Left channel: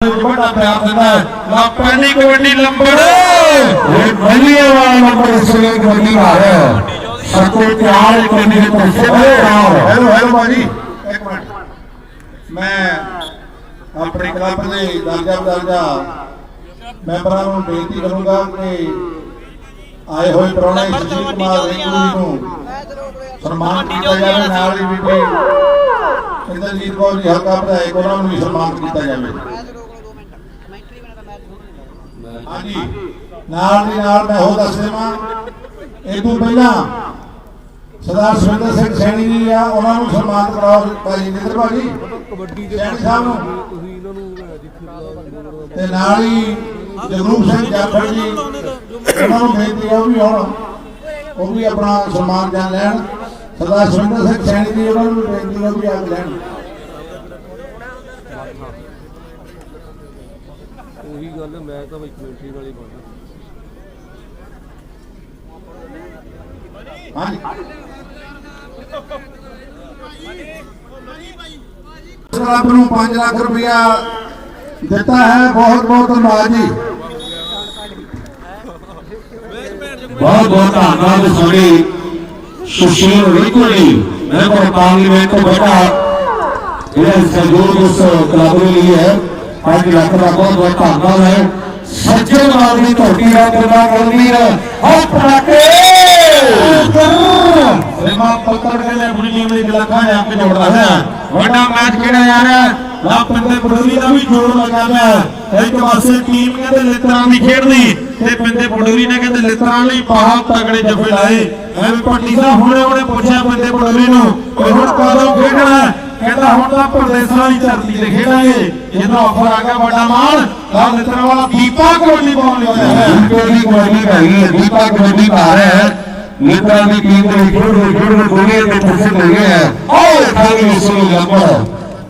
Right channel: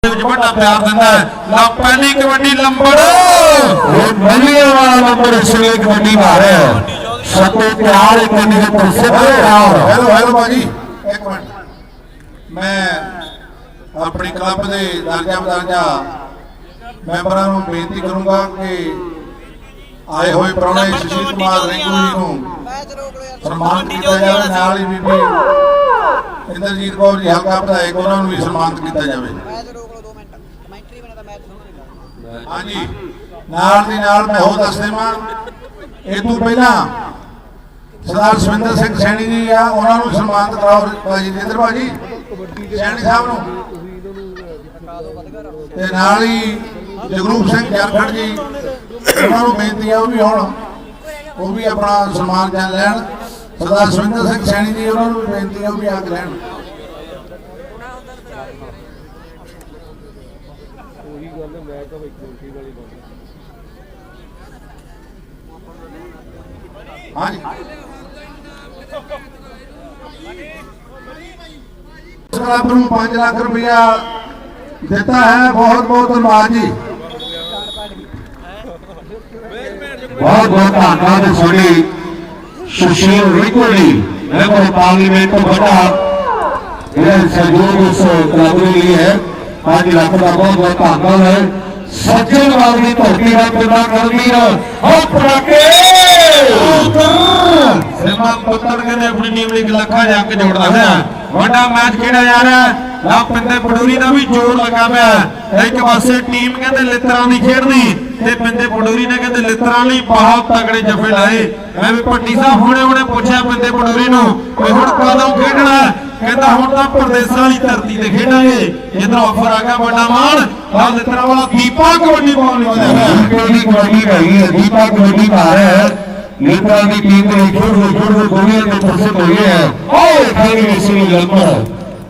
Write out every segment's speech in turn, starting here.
ਦੇ ਵਿੱਚ ਵੱਡਾ ਪਿਆਰ ਦਿੰਦਾ ਹੈ। ਲਾ ਪਹਿਲੀ ਕਬੱਡੀ ਲੰਬੜ। ਇਹ ਮਲੀਏ ਵਾਲਾ ਨੰਬਰ ਸ੍ਰੀ ਕਬੱਡੀ ਹੈ। ਸਤੋ ਤਿਆਰ ਕਬੱਡੀ ਦੇ ਪੁੱਛੇ ਤਿਆਰ ਹੈਲੋ ਹੈਲੋ ਭਾਜੀ। ਇੱਕ ਮਿੰਟ। ਮੈਂ ਆਪਣੇ ਕਲੱਬ ਦੇ ਦਰਜਾ ਦਰਜਾ ਮੈਂਬਰਾਂ ਨੂੰ ਬੇਨਤੀ ਕਰੂੰਗਾ ਕਿ ਆਏ ਹੋਏ ਪ੍ਰਾਹੁਣੇ ਸੁਸ਼ੀਲ ਕੁਮਾਰ ਰਿੰਕੂ ਜੀ ਨੂੰ ਸਨਮਾਨ ਕੀਤਾ ਜਾਵੇ ਨਾਲ ਹੀ ਬੀਬੀ ਇੰਦਰਜੀਤ ਕੌਰ ਜੀ ਹਲਕਾ ਵਿਧਾਇਕ ਉਹਨਾਂ ਨੂੰ ਵੀ ਸਨਮਾਨਿਤ ਕੀਤਾ ਜਾਵੇ ਮੈਚ ਰੋਕ ਲਓ 2 ਮਿੰਟ ਕਮੈਂਟਰੀ ਬਣੇ ਤਾਂ ਮੈਚ ਹਾਂਜੀ। ਨਾਲ ਦੀ ਨਾਲ ਮੈਂ ਹੋ ਦੱਸ ਦੇਵਾਂ। ਇਹ ਤੋਂ ਪਹਿਲਾਂ ਸਰਦਾਰ ਸੁਰਿੰਦਰ ਸਿੰਘ ਸੈਣੀ ਜੀ ਆ, ਉਹਨਾਂ ਨੂੰ ਸਨਮਾਨ ਕਰਾਓ ਭਾਜੀ ਜਿੰਦਰ ਭਾਜੀ ਸੈਣੀ ਸਾਹਿਬ ਨੂੰ। ਤੇ ਨਾਲ ਹੀ ਜਗਰੂਪ ਸਿੰਘ ਜਾਫਰ ਜੀ, ਉਹਨਾਂ ਨੂੰ ਬੇਨਤੀ ਆ ਉਹ ਵੀ ਆਉਣ ਉਹ ਵੀ ਆਪਣਾ ਸਨਮਾਨ ਜਾਣ ਲੈਣ। ਸਰਦਾਰ ਸੁਰਿੰਦਰ ਸਿੰਘ ਸੈਣੀ ਜੀ, ਉਹਨਾਂ ਨੂੰ ਬੇਨਤੀ ਆ ਉਹ ਵੀ ਆ ਲੈਣ। ਗੱਲ ਮੈਂ ਤਾਂ ਬਈ ਕਮੇਟੀ ਵਾਲੀ ਬੰਦਾ ਹਾਂਜੀ ਕਲੱਬ ਨੂੰ 5 ਲੱਖ ਰੁਪਇਆ ਦਿੱਤਾ ਹੈ ਬਹੁਤ ਬਹੁਤ ਧੰਨਵਾਦ ਜੀ ਬਹੁਤ ਬਹੁਤ ਧੰਨਵਾਦ ਸਾਡੇ ਸੁਸ਼ੀਲ ਰਿੰਕੂ ਜੀ ਮੈਂਬਰ ਪਾਰਲੀਮੈਂਟ ਬਟਾ ਇਹ ਸਹਿਯੋਗ ਉਸ ਕਲੱਬ ਦੇ ਲਈ ਹੈ 5 ਲੱਖ ਦਾ ਬਹੁਤ ਬਹੁਤ ਹੈ ਸੱਜਣ ਵਾਲੀ ਦੀ ਧਰਤੀ ਦਾ ਕਿਰਪਾ ਕਰਨੀ ਹੈ ਹਾਏ ਪਟਾਕੇ! ਸਿਮਾ ਪੁੱਤਰ ਕਹਿੰਦੇ ਆਪਣੀ ਇੱਕ ਲੱਖਾਂ ਜਾ ਕੇ ਜੋੜਦਾ ਹੋਇਆ ਵੱਡਾ ਮੈਚ ਕਿਹੜਾ ਯਾਰ? ਲਾ ਪਿੰਡੇ ਪਡੋਰੀ ਦਾ ਵੀ ਜੋਰ ਲੱਗਾ ਹੋਇਆ ਇੱਕ ਪਾਸੇ ਟੀਮ ਕਹਿੰਦੇ ਲਿੱਤਰਾਂ ਦੀ ਖੇਡਦੀ ਤੇ ਪਿੰਡੇ ਪਡੋਰੀ ਨੇ ਕਹਿੰਦੇ ਲਿੱਤਰਾਂ ਲਈ ਬਹੁਤ ਤਗੜੇ ਜੱਫੇ ਲਾਏ। ਐਵੇਂ ਭੱਟੀ ਸਾਹਿਬ ਹੁਣੇ ਹੁਣੇ ਪੁੱਛਿਆ ਪਿੰਡੇ ਪਡੋਰੀ ਨੂੰ ਕਿ ਹੁਣ ਕਦੋਂ ਖੇਡਣਾ ਹੈ? ਕਹਿੰਦਾ ਹੁਣ ਤਾਂ ਪ੍ਰਦੇਸਾਂ ਵਾਲੀ ਧਰਤੀ ਤੇ ਖੇਡਾਂਗੇ। ਜਿੱਦਾਂ ਆਫਰ ਆ ਗਿਆ ਵੱਡਾ ਮਾਨ ਆ ਲਿੱਤਰਾਂ ਵਾਲਾ ਦੀਪਾ ਕਬੱਡੀ ਪਾਉਣ ਵਾਲਾ ਹੈ ਪਹਿਲੀ ਕਬੱਡੀ ਹੈਗੀ ਹੈ ਦੀਪਾ ਕਬੱਡੀ ਪਾ ਰਿਹਾ? ਹੈ ਨੇਤਰਾ ਦੀ ਟੀਮ ਦੇ ਖੇਡ ਦੇ ਖੇਡ ਦੇ ਦੁਨੀਆ ਦੇ ਪ੍ਰਸਿੱਧ ਹੋ ਗਏ ਹੈ। ਆਏ ਖਾਲੀ ਇਸ ਨੂੰ ਲੰਬਾ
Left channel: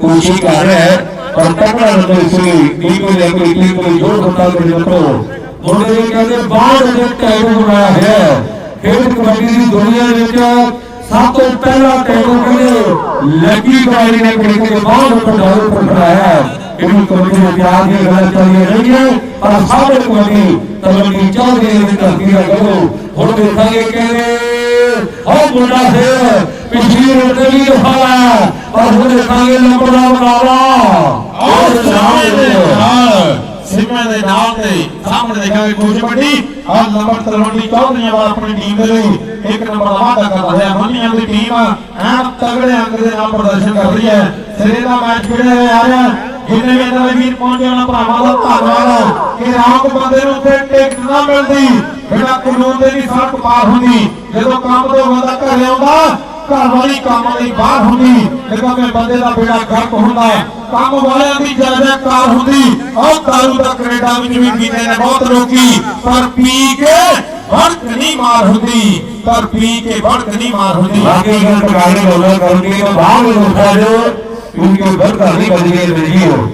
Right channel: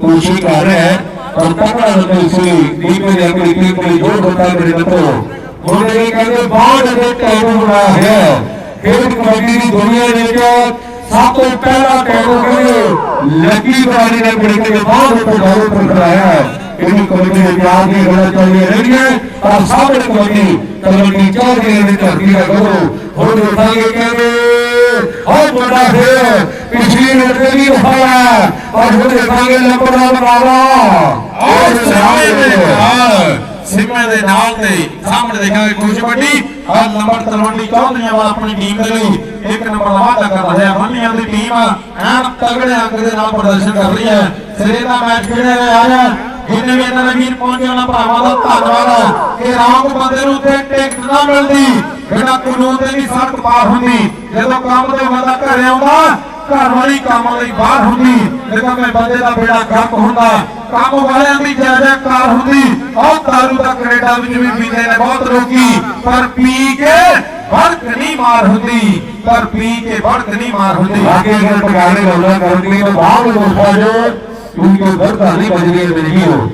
ਕੋਸ਼ਿਸ਼ ਕਰ ਰਿਹਾ ਹੈ, ਪਰ ਤਕੜਾ ਨਹੀਂ ਸੀ ਟੀਮ ਦੇ ਆਪਣੀ ਟੀਮ ਦੇ ਜੋ ਬਤਾ ਦੇ ਦਿੱਤੋ ਮੁੰਡੇ ਨੇ ਕਹਿੰਦੇ, ਬਾਹਰ ਦੇ ਟੈਬਲ ਬਣਾ ਹੈ, ਖੇਡ ਕਬੱਡੀ ਦੀ ਦੁਨੀਆ ਵਿੱਚ ਸਭ ਤੋਂ ਪਹਿਲਾ ਟੈਬਲ ਕਹਿੰਦੇ ਲੱਗੀ ਗਾਲੀ ਨੇ ਖੇਡ ਕੇ ਬਾਹਰ ਉੱਪਰ ਘਰੋਂ ਪਰ ਕਰਾਇਆ ਇਹਨੂੰ ਕਬੱਡੀ ਦੇ ਪਿਆਰ ਦੀ ਗੱਲ ਕਰੀਏ ਰਹੀ ਹੈ ਪਰ ਸਾਡੇ ਕਬੱਡੀ ਕਬੱਡੀ ਚਾਹਦੇ ਨੇ ਧਰਤੀ ਦਾ ਗੌਰਵ ਹੁਣ ਦੇਖਾਂਗੇ ਕਹਿੰਦੇ ਬਹੁਤ ਵੱਡਾ ਹੈ ਪਿਛਲੀ ਰੋਟੀ ਰਹਾ ਪਰ ਹੁਣ ਦੇਖਾਂਗੇ ਲੰਬੜਾ ਬਰਾਵਾ ਔਰ ਸਿਮੇ ਦੇ ਨਾਲ ਸਿਮੇ ਦੇ ਤੇ ਸਾਹਮਣੇ ਦੇਖਾਂਗੇ ਕੁਝ ਵੱਡੀ ਆ ਨੰਬਰ ਤਲਵੰਡੀ ਚੌਧਰੀਆਂ ਵਾਲਾ ਆਪਣੀ ਟੀਮ ਦੇ ਲਈ ਇੱਕ ਨੰਬਰ ਦਾ ਕਰ ਰਿਹਾ ਮੰਨੀਆਂ ਦੀ ਟੀਮ ਐਨ ਤਗੜੇ ਅੰਕ ਦੇ ਨਾਲ ਪ੍ਰਦਰਸ਼ਨ ਕਰ ਰਹੀ ਹੈ। ਸਿਰੇ ਦਾ ਮੈਚ ਖੇਡਿਆ ਹੋਇਆ ਆ ਰਿਹਾ ਜਿੰਨੇ ਵੀ ਇਹਨਾਂ ਵੀਰ ਪਹੁੰਚੇ, ਉਹਨਾਂ ਭਰਾਵਾਂ ਦਾ ਧੰਨਵਾਦ ਕਿ ਰਾਮ ਬੰਦੇ ਨੂੰ ਤੇ ਟਿਕਟ ਨਾ ਮਿਲਦੀ। ਜਿਹੜਾ ਕਾਨੂੰਨ ਦੇ ਨਹੀਂ ਸਖਤ ਪਾ ਹੁੰਦੀ। ਜਦੋਂ ਕੰਮ ਤੋਂ ਬੰਦਾ ਘਰੇ ਆਉਂਦਾ, ਘਰ ਵਾਲੀ ਕੰਮ ਲਈ ਬਾਹਰ ਹੁੰਦੀ। ਜਦੋਂ ਮੈਂ ਬੰਦੇ ਦਾ ਬੇੜਾ ਗੱਪ ਹੁੰਦਾ, ਕੰਮ ਵਾਲਿਆਂ ਦੀ ਜ਼ਿਆਦਾ ਕਾਰ ਹੁੰਦੀ। ਕੈਨੇਡਾ ਵਿੱਚ ਵੀ ਪੀਂਦੇ ਨੇ ਬਹੁਤ ਲੋਕੀ, ਪਰ ਪੀ ਕੇ ਵੜਕ ਨਹੀਂ ਮਾਰ ਹੁੰਦੀ, ਪਰ ਪੀ ਕੇ ਵੜਕ ਨਹੀਂ ਮਾਰ ਹੁੰਦੀ। ਬਾਕੀ ਜੋ ਟਕਾਣੇ ਗੱਲਾਂ ਕਰਦੀ ਹੈ ਬਾਹਰ ਨੂੰ ਉਠਾ ਜੋ ਕਿਉਂਕਿ ਵਰਗਾ ਨਹੀਂ ਕਰੀਏ ਨਹੀਂ ਹੋ।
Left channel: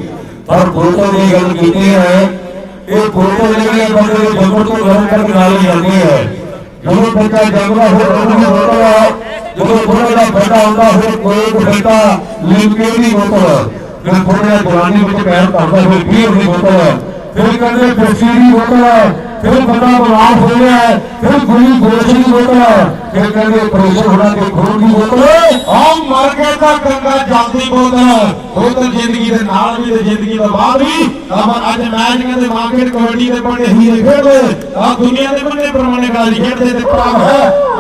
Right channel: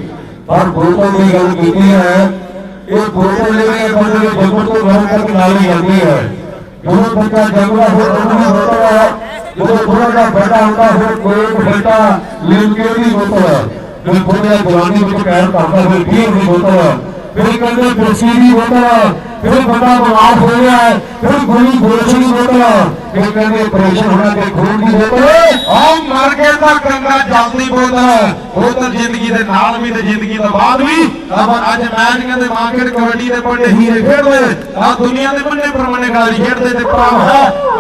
ਪਰ ਬੋਤਲ ਦੀ ਗੱਲ ਕੀਤੀ ਹੈ, ਇਹ ਬੋਤਲ ਜਿਹੜੇ ਬੰਦੇ ਦੇ ਜੰਗਲ ਤੋਂ ਗਰਮ ਕਰਕੇ ਲਾਈ ਜਾਂਦੀ ਹੈ। ਜਦੋਂ ਬੱਚਾ ਜੰਗਲਾ ਹੋ ਉਹਨੂੰ ਹੋਤਾ ਹੈ ਜਦੋਂ ਥੋੜਾ ਜਿਹਾ ਵੱਡਾ ਹੁੰਦਾ, ਫਿਰ ਕੋਕ ਬੇਟਾ ਲਿਮਕੇ ਦੀ ਬੋਤਲ ਜਦੋਂ ਥੋੜਾ ਜਵਾਨੀ ਵਿੱਚ ਪੈਰ ਪਾਉਂਦਾ ਫਿਰ ਫੇਰ ਨਹੀਂ ਬੋਤਲ ਫਿਰ ਕਹਿੰਦੇ ਬੋਸੀ ਦੀ ਬੋਤਲ ਫਿਰ ਬੰਦਾ ਬਿਮਾਰ ਹੋ ਗਿਆ ਹੈ, ਫਿਰ ਗੁਰੂ ਗੋਸ਼ ਦੀ ਬੋਤਲ ਫਿਰ ਕਹਿੰਦੇ ਆਪਰੇਸ਼ਨ ਹੋਣਾ ਤੇ ਖੂਨ ਦੀ ਬੋਤਲ ਆ ਮਰ ਕੇ ਤਾਂ ਗੰਗਾ ਜਲਦੀ ਬੋਲਦਾ ਉਹ ਤਾਂ ਜ਼ਿੰਦਗੀ ਦੇ ਨਾਲ ਵੀ ਤੇ ਜ਼ਿੰਦਗੀ ਤੋਂ ਬਾਅਦ ਵੀ। ਪਰ ਅੱਜ ਮੈਚ ਕਹਿੰਦੇ ਮਾਰਕੀਟ ਕਬੱਡੀ ਦੇ ਬੜੇ ਹੀਰੇ ਖੇਡਦੇ। ਆ ਦੁਨੀਆ ਦੇ ਬੰਨੇ ਪਰਮਣੇ ਗਾਲੀ ਖੇਡਦੇ ਤੇ ਭਰਾ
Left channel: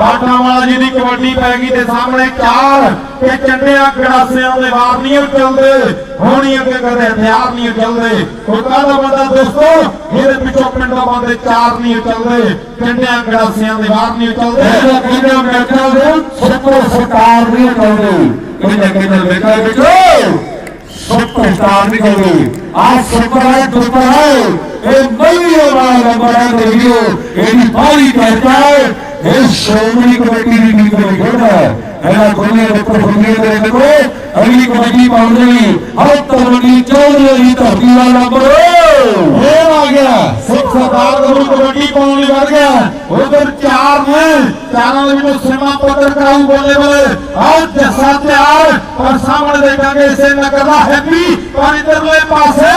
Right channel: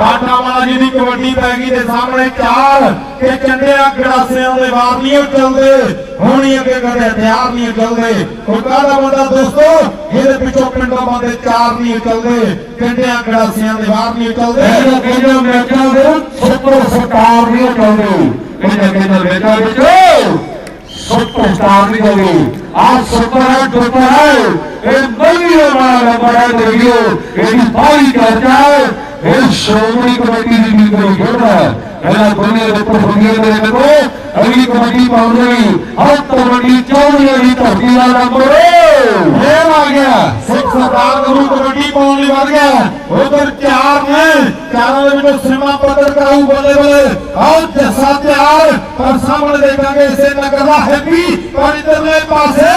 ਬਾਟਾ ਵਾਲਾ ਜੀ ਦੀ ਕਬੱਡੀ ਪੈ ਗਈ ਤੇ ਸਾਹਮਣੇ ਚਾਰ ਤੇ ਚੰਡਿਆ ਗੜਾਸਿਆਂ ਦੇ ਵਾਰ ਨਹੀਂ ਉਹ ਚੱਲਦੇ। ਹੋਣੀ ਅੱਗੇ ਕਦੇ ਹਥਿਆਰ ਨਹੀਂ ਚੱਲਦੇ। ਕੋਈ ਕਾਹਦਾ ਬੰਦਾ ਦੋਸਤੋ? ਇਹਦੇ ਪਿੱਛੋਂ ਪਿੰਡੋਂ ਬੰਦੇ ਚਾਰ ਨਹੀਂ ਚੱਲਦੇ। ਚੰਡਿਆਂ ਗੜਾਸਿਆਂ ਦੇ ਵਾਰ ਨਹੀਂ ਚੱਲਦੇ ਇਹਦਾ ਕਹਿੰਦਾ ਮੈਕਾਂ ਦੇ ਸੱਤਰ ਸਰਕਾਰ ਨਹੀਂ ਕਹਿੰਦੇ ਇਹਦਾ ਕਹਿੰਦਾ ਮੈਕਾਂ ਵਿੱਚ ਸੱਤਰ ਸਰਕਾਰ ਨਹੀਂ ਕਹਿੰਦੇ ਆ ਸੱਤਰ ਹੈ ਜੁਤ ਹੈ ਇਹ ਨਹੀਂ ਵਾਲਾ ਬੜਾ ਦੇਖਿਓ ਇਹਦੀ ਬਾਰੀ ਕਰਦਾ ਇਹ ਸ਼੍ਰੋਮਣੀ ਕਮੇਟੀ ਦੀ ਮੀਟਿੰਗ ਕਰਦਾ ਇਹਦਾ ਦੁਨੀਆ ਦੇ ਉੱਪਰ ਦੁਨੀਆ ਦੇ ਨੰਬਰ ਅਗਲੀ ਕਮੇਟੀ ਪਾਉਂਦੀ ਹਰ ਕਮੇਟੀ ਚੌਧਰੀ ਦੀ ਧਰਤੀ ਦਾ ਨੰਬਰ ਫੇਰ ਆ ਗਿਆ। ਸਿੱਖ ਸਰਦਾਰ ਨੂੰ ਕਬੱਡੀ ਪਾਉਣ ਲਈ ਵੜ ਗਿਆ। ਉਧਰ ਚਾਰ ਨੇ। ਚਾਰਾਂ ਦੇ ਵਿੱਚੋਂ ਸਿਮਾ ਪੱਤਰ ਕਾਹੂ ਬੋਲੇ ਬੋਲੇ। ਆਓ ਜੱਸਾ ਤਿਆਰ। ਪਰ ਸਾਹਮਣੇ ਦੇਖਾਂਗੇ ਇਸੇ ਨਗਰ ਦਾ ਹੈਪੀ। ਪਰ ਇਧਰਲੇ ਪਾਸੇ।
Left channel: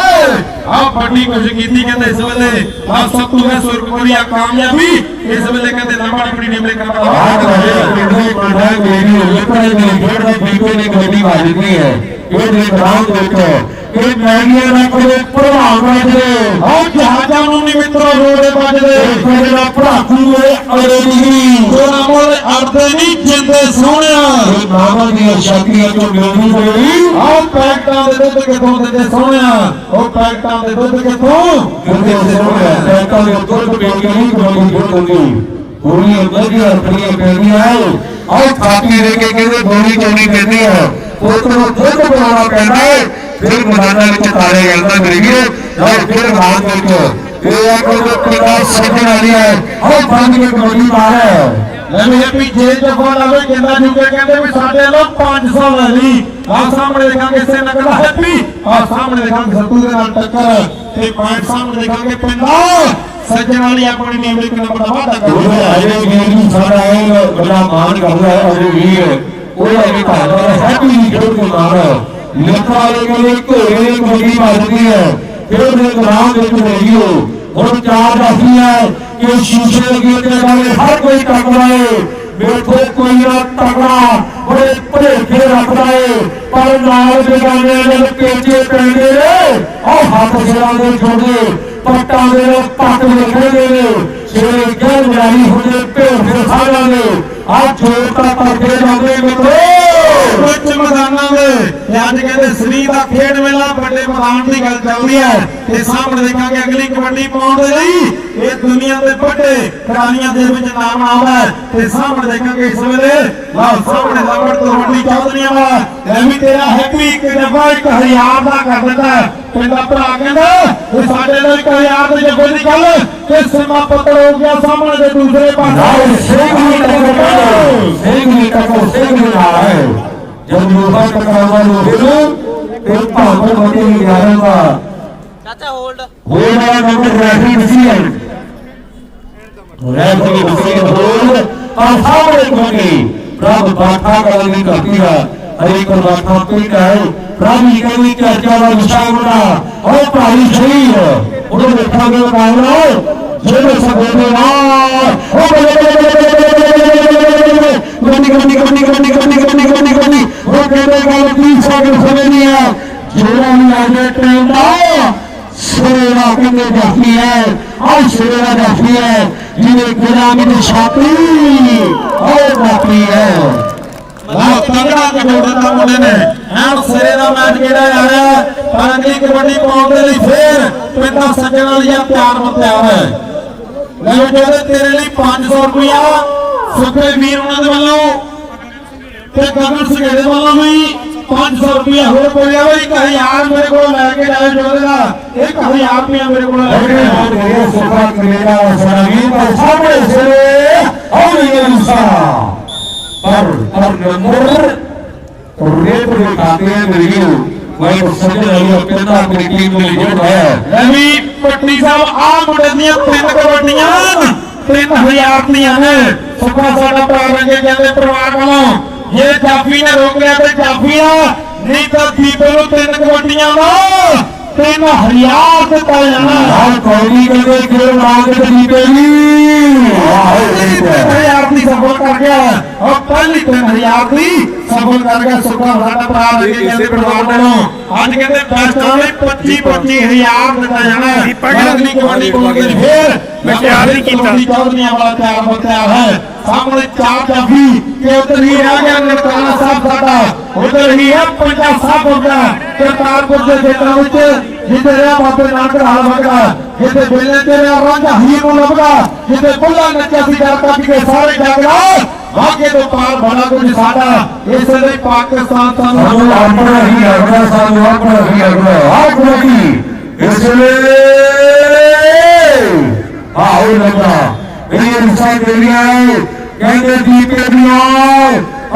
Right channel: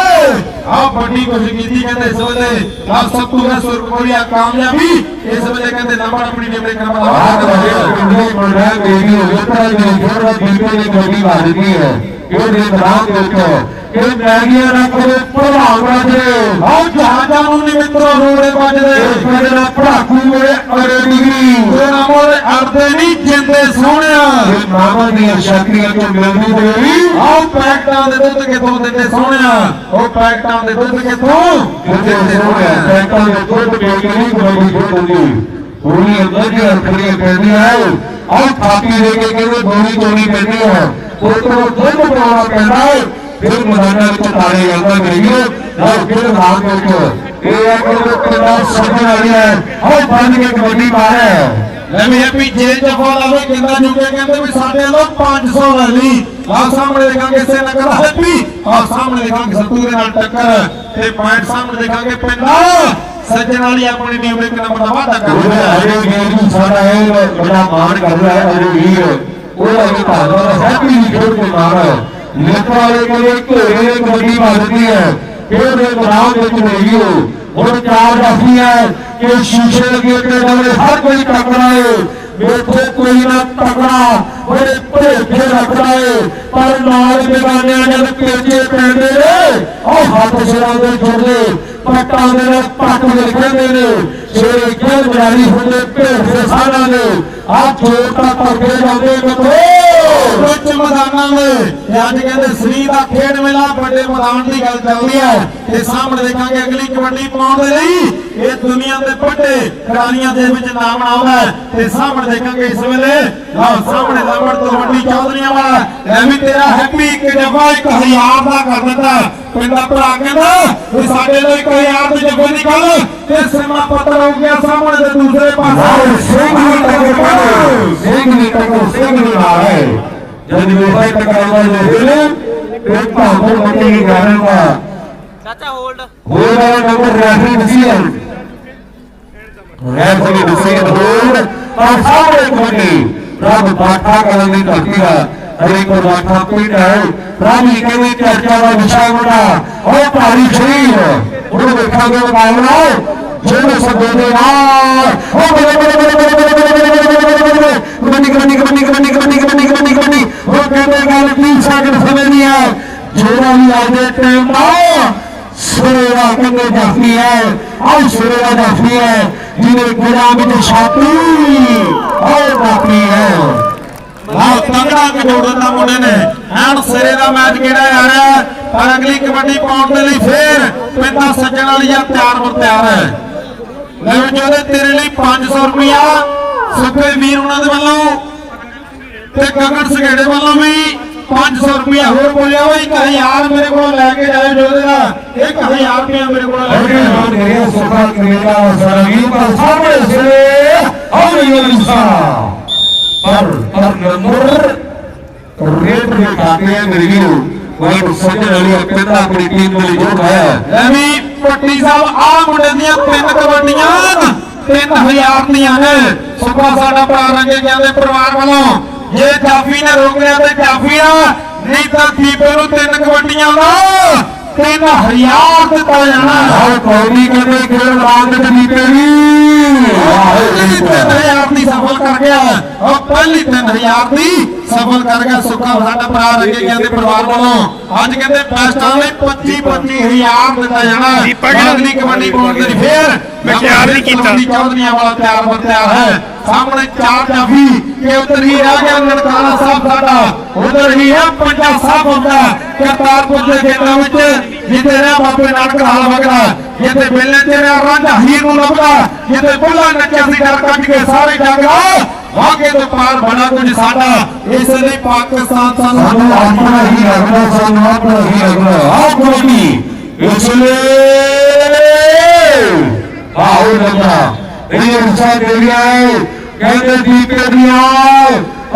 ਆ ਵੱਡੀ ਕੋਸ਼ਿਸ਼ ਕੀਤੀ ਕਹਿੰਦੇ ਇਸ ਵੇਲੇ। ਆ ਸੱਤੂ ਹੈ ਸੁਰਗੋਰੀਆ ਕਾਮਯਾਬੀ। ਇਸ ਵੇਲੇ ਕਹਿੰਦੇ ਨੰਬਰ ਆਪਣੀ ਨਿਮਰੇ ਕਰਵਾ ਬਾਤ ਰਹੇ ਕਿੰਨੇ ਪ੍ਰਧਾਨ ਮੇਰੀ ਵੇਖੋ ਜੀ ਜਿਹੜਾ ਬੀਬੀ ਨੇ ਗੋਲੀ ਮਾਰ ਦਿੱਤੀ ਹੈ। ਇਹ ਦੇ ਬਰਾਮ ਦੇਖੋ ਕਿ ਮੈਗੀਆਂ ਨਾ ਕੋਲੇ ਪ੍ਰਭਾਵ ਕਰਦੇ ਆ ਜਹਾਜ਼ਾਂ ਨੂੰ ਨਹੀਂ ਮਿੱਤਰੋ ਰੋੜੇ ਵੱਜਦੇ। ਇਹ ਜਿਹੜਾ ਪੜਾਕੂ ਹੈ। ਅਰੇ ਨਹੀਂ ਤੇਰਾ ਮੋਰੇ ਅਰਦੇ ਨਹੀਂ ਜਿੰਦੇ ਸੋਹਣਿਆ। ਇਹ ਮਾਮਾ ਦੀਆਂ ਸ਼ਕਤੀਆਂ ਤੋਂ ਮਿਲਦੀ ਹੋਈ ਆਹ ਪੈਕਟਾਂ ਦੇ ਦੁੱਧ ਕਿੱਥੋਂ ਦਿੰਦੇ ਸੋਹਣਿਆ? ਉਹ ਪੈਕਟਾਂ ਦੇ ਦੁੱਧ ਕਿੱਥੋਂ? ਕਿਤੇ ਸੇ ਹੋ ਗਿਆ ਬੈਂਕਾਂ ਦੇ ਦੁੱਧ ਕੇ ਨਹੀਂ ਗੋਲੀ ਦੇ ਦਿੰਦੀ। ਪੂਰੀ ਅੰਦਰ ਦੀ ਅਰਥੀਆਂ ਕਹਿੰਦੀ ਹੈ ਆਹ ਥਾਪੀ ਦੇ ਕੇ ਕਹਿੰਦੇ ਗੋਲੀ ਚੋਣੀ ਕਹਿੰਦੀ ਹੈ। ਉਹ ਤੋਂ ਦੁੱਧ ਬਣਾਉਣਾ ਪੈਂਦਾ ਹੈ। ਫਿਰ ਮਦਾਨਾਂ ਵਿੱਚ ਤਾਰੇ ਜਾਂਦਾ ਮੇਰੇ ਵੀਰ ਔਰ ਫਿਰ ਰਾਤ ਵਿੱਚ। ਇਹ ਆ ਕੋਈ ਕਿੰਨਾ ਸੱਜਣ ਵਾਲੀ ਹੈ। ਉਹ ਬੰਦ ਕੇ ਗੋਲੀ ਮਾਰੇ ਲੈ ਵੀ ਹੈਪੀ ਜੇ ਜਫਾ ਲਾਵੇ ਕਿੰਨਾ ਜੁਗੇ ਕਹਿੰਦੇ ਵੀ ਸਾਡੇ ਲੋ 500 ਲੈ ਲਈ। ਆ ਸਾਹਮਣੇ ਦੇਖਾਂਗੇ ਇਸੇ ਨਕਲ ਹੈਪੀ। ਆ ਸਾਹਮਣੇ ਦੇਖਾਂਗੇ ਸੱਤੂ ਦੇ ਨਾਲ ਟੱਕਰ। ਤੇ ਪੁਆਇੰਟ ਸਾਹਮਣੇ ਦੇਖਾਂਗੇ ਪਿੰਡਾ ਸੱਜਣ ਵਾਲੀ ਆਪਣੀ ਟੀਮ ਦੇ ਨੰਬਰ ਦਾ ਵਾਧਾ ਕਰ ਰਿਹਾ ਹੈ। ਜਿਹੜੇ ਗੇਮ ਨੂੰ ਸਾਡਾ ਇਹ ਬੜਾ ਮਾਣ ਕਰ ਰਿਹਾ ਹੈ ਮੇਰੇ ਵੀਰ ਉਹ ਅਗੇ ਧੰਨਵਾਦ ਹੈ ਵੀ ਜੋੜ ਕੇ ਮਾਰਾ ਲੋਕਾਂ ਵਾਲੇ ਕਹਿੰਦੇ ਘੋੜੇ ਦੀ ਗੱਡੀ ਮਾਰਦੀ ਹੈ। ਫਿਰ ਦੇ ਗਰਾਮ ਵਿੱਚ ਰਹੀਓ ਹੁਣ ਚਾਰ ਰਹੀ ਹੈ ਕਿ ਸ਼ੀਸ਼ੇ ਲੱਗੇ ਤੇ ਨਾਲ ਹਰ ਕੋਈ ਟੱਕਰਾ ਹੈ ਵੇਖੋ ਕੋਈ ਨਾ ਟੱਕਰਾ ਬੜੇ ਭੇਜੇ ਰੱਖਦਾ ਹੈ ਪਰ ਨਾਲ ਬਿਗਾਨੇ ਜਦ ਪੇਚੇ ਪੈਂਦੇ ਨੇ, ਉਹ ਹੱਥ ਸਿਰਾਂ ਦੇ ਛੋੜੇ ਪੱਟਾਂ ਦੇ ਨਾਲ ਪੱਟ ਨਿਕਲਦੇ ਨੇ। ਜਿਹੜੇ ਗੱਲ ਬਣਾਈ ਹੁੰਦੇ ਭੇਜ ਦੇ ਨੇ ਹੱਥ ਜੋੜ ਤਾਂ ਕਰਦੇ ਜਾਂਦੇ ਕਿਥੋਂ? ਮੈਦਾਨਾਂ ਦੇ ਅੱਜ ਕਹਿੰਦੇ ਸ੍ਰੀ ਦਾ ਖੇਡ ਮੇਲਾ ਵੱਡੇ ਮੈਦਾਨ ਦੀ ਗੱਲ ਚੱਲਦੀ ਹੈ। ਤੇ ਸਾਹਮਣੇ ਦੇਖਾਂਗੇ ਅਗਲੀ ਕਬੱਡੀ ਪਾਉਣ ਦੇ ਲਈ। ਇਹ ਦੁਨੀਆ ਦੇ ਵੱਡੇ ਖਿਡਾਰੀਆਂ ਦੇ ਵਿੱਚ ਨਾਮ ਆਉਂਦਾ ਤੇ ਸਾਹਮਣੇ ਦੇਖਾਂਗੇ ਇਸ ਵੇਲੇ। ਲਓ, ਸਾਹਮਣੇ ਲੰਬੜ ਤਲਵੰਡੀ ਚੌਧਰੀਆਂ ਵਾਲਾ। ਇਹ ਤੇਰਾ ਹੈਪੀ ਇੱਕ ਜੱਫਾ ਇੱਕ ਹਜ਼ਾਰ ਦਾ ਕਰ ਦਿੰਦਾ ਹੈ। ਪਿੰਡ ਭਰਾ ਕਹਿੰਦਾ ਇਹ ਸਾਡੇ ਲਈ ਇੱਕ ਹਜ਼ਾਰ ਦੇ ਜੱਫੇ ਨਿਕਲ। ਤੇ ਸਮਾਂ ਪੱਤਰ ਹੋ ਗਿਆ ਸਾਹਮਣੇ ਦੇ ਦੂਸਰੇ ਪਾਸੇ। ਸਿੰਘ ਵੀ ਟੱਕਰ ਸਿੰਘ ਵੀ ਟੱਕਰ, ਸਿੰਘ ਵੀ ਆ जब युवा टका हुआ लोग फिर भावों मते ही ग्यारह का चाचा होल्ड होल्ड वाला number referee decision referee decision hold पर सामने कोनी रब बाठा करने का किया ਅਰੇ ਪਰਮਾਤਮਾ ਪਿੰਡ ਹੈ ਰਾਮੀ ਕਹਿੰਦੇ ਕਿ ਅੱਜ ਦਾ ਵਿਸ਼ਾ ਮੁੰਡਾ ਉਹ ਭਾਈ ਸਹੀ ਉਹ ਰੱਖਾ ਦੇ ਪਾਉਣਾ جوڑے سے بولے نا سریوا کرنے باقی ہے اور سریوا باقی ہے جنہیں غلام کے شاپی اور باقی ہے بہت تگڑا کے جوڑتا انہوں نے ہم سریوا میچ گرا ہے پر اگلی کبڈی پاؤنڈ کے لیے پھر پتا سجن والی تیار ہو ਲਓ ਜੋਰੇ ਤੇਰੇ ਲਈ 500 ਰੁਪਇਆ ਸੁਖੇ ਵੀਰ ਉਹਨਾਂ ਦੇ ਵੱਲੋਂ ਤੇ ਗਗਨ ਸਗੜੇ ਵੱਲੋਂ ਵੀ 500 ਰੁਪਇਆ ਹੋਰ ਬੋਲਿਆ ਹੋਈ 1000 ਮੇਰੇ ਕੋਲ ਲੈ ਕੇ ਜਾਇਓ ਜੋਰੇ ਦਾ 1000 ਰੁਪਇਆ ਮੇਰੇ ਕੋਲ ਲੈ ਕੇ ਹਾਂ ਮੇਰੇ ਸੁਖਾ ਕਮੇਲਾ ਸਰਾਗੀ ਪਰ ਸਾਹਮਣੇ ਸਿਰੇ ਆਉਂਦੇ ਇਨਸਾਨ। ਪਰ ਪਰ ਨੰਬਰ रेट में खाते हैं मेरी मैं उससे अपनी टीम में जोड़ है ਪੱਟੀ ਸਾਹਿਬ ਆ ਮੁੰਡੇ ਦੀਆਂ ਤਿੰਨ ਕਬੱਡੀਆਂ 3000 ਦੀਆਂ ਨੇ। ਸੁਖਾ ਸਾਡਾ ਭਰਾ ਰੰਗੇ ਜਾਂਦੇ ਪਰਿਵਾਰ ਵੱਲੋਂ। ਜੇ ਕਾਫੀ ਨਾ ਰੋਕ ਲਿਆ ਤੇ ਕਾਫੀ ਆ ਨਹੀਂ ਤਾਂ ਦੀਪੇ ਨੂੰ ਤਿੰਨ ਕਬੱਡੀਆਂ ਦਾ 3000 ਦਿੱਤਾ ਜਾਣਾ ਹਰ ਕੌੜੀ ਕਰਕੇ ਖੇਡ ਮਾਰ ਕੇ ਦੀ ਕਰੀ ਪਹਿਲੀ 3000 ਦੀ ਸਫਲ ਕਰ ਗਿਆ। ਉਹ ਪਹਿਲੀ 3000 ਦੀ ਸਫਲ ਕਰ ਗਿਆ। ਸੁਖਾ ਸਾਡਾ ਭਰਾ ਰੰਗੇ ਜਾਂਦੇ ਪਰਿਵਾਰ ਵੱਲੋਂ। ਅੱਜ ਕਹਿੰਦੇ ਬੈਸਟ ਵਾਲੇ 25 25000 ਦਿੱਤਾ ਜਾਣਾ ਦੀਪਾ ਕਿਹੜਾ? ਅਗਲੀ ਕਬੱਡੀ ਪਾਉਣ ਦੇ ਲਈ ਫੇਰ ਮੈਂ ਖਿਆਲ ਨਹੀਂ ਕੀਤਾ। ਚੌਧਰੀਆਂ ਵਾਲਾ ਤਿਆਰ ਬਤਿਆ ਹੈ। ਸਾਹਮਣੇ ਚਾਰ ਜਾਫੀ ਕਿ ਉਧਰ ਹੀ ਰਾਜਾ ਨਨਕਾਣਾ ਸਾਹਿਬ ਸਾਡਾ ਉਧਰ ਹੀ ਹੈ ਪੰਜਾ ਸਾਹਿਬ ਦਾ ਕਰਤਾਰਪੁਰ ਦੇ ਖੇਤਾਂ ਵਿੱਚ ਜਿੱਥੇ ਰਿਹਾ ਬਾਬੇ ਨਾਨਕ ਹਾਲ ਵਗਦਾ ਜਿੱਥੇ ਬੇਲੇ ਤੇ ਰਿਹਾ ਰਾਂਝਾ ਹੀਰ ਨੂੰ ਲੱਭਦਾ ਜਿੱਥੇ ਬੁੱਲਾ ਨੱਚਿਆ ਸੀ ਡਰ ਕੱਟ ਕੇ ਸਾਰੇ ਡੰਗਰਾ ਵਾਗੇ ਤੋਂ ਪਾਰ ਬਣਾ ਕੁਝ ਸਾਡਾ ਇਸ ਲਈ ਪਾਕਿਸਤਾਨ ਸਾਨੂੰ ਆਪਣਾ ਹੀ ਰੱਖਣਾ ਸਾਨੂੰ ਆਪਣਾ ਹੀ ਰੱਖਣਾ ਆਪ ਲੋਕੀ ਇਸ ਲਈ ਆਹੋ ਲੱਗਾ ਇਹ ਰਸਾ ਦੇ ਗਿਆ ਹੈ। ਕਹਿੰਦੇ ਦੀਪੇ ਦੀਆਂ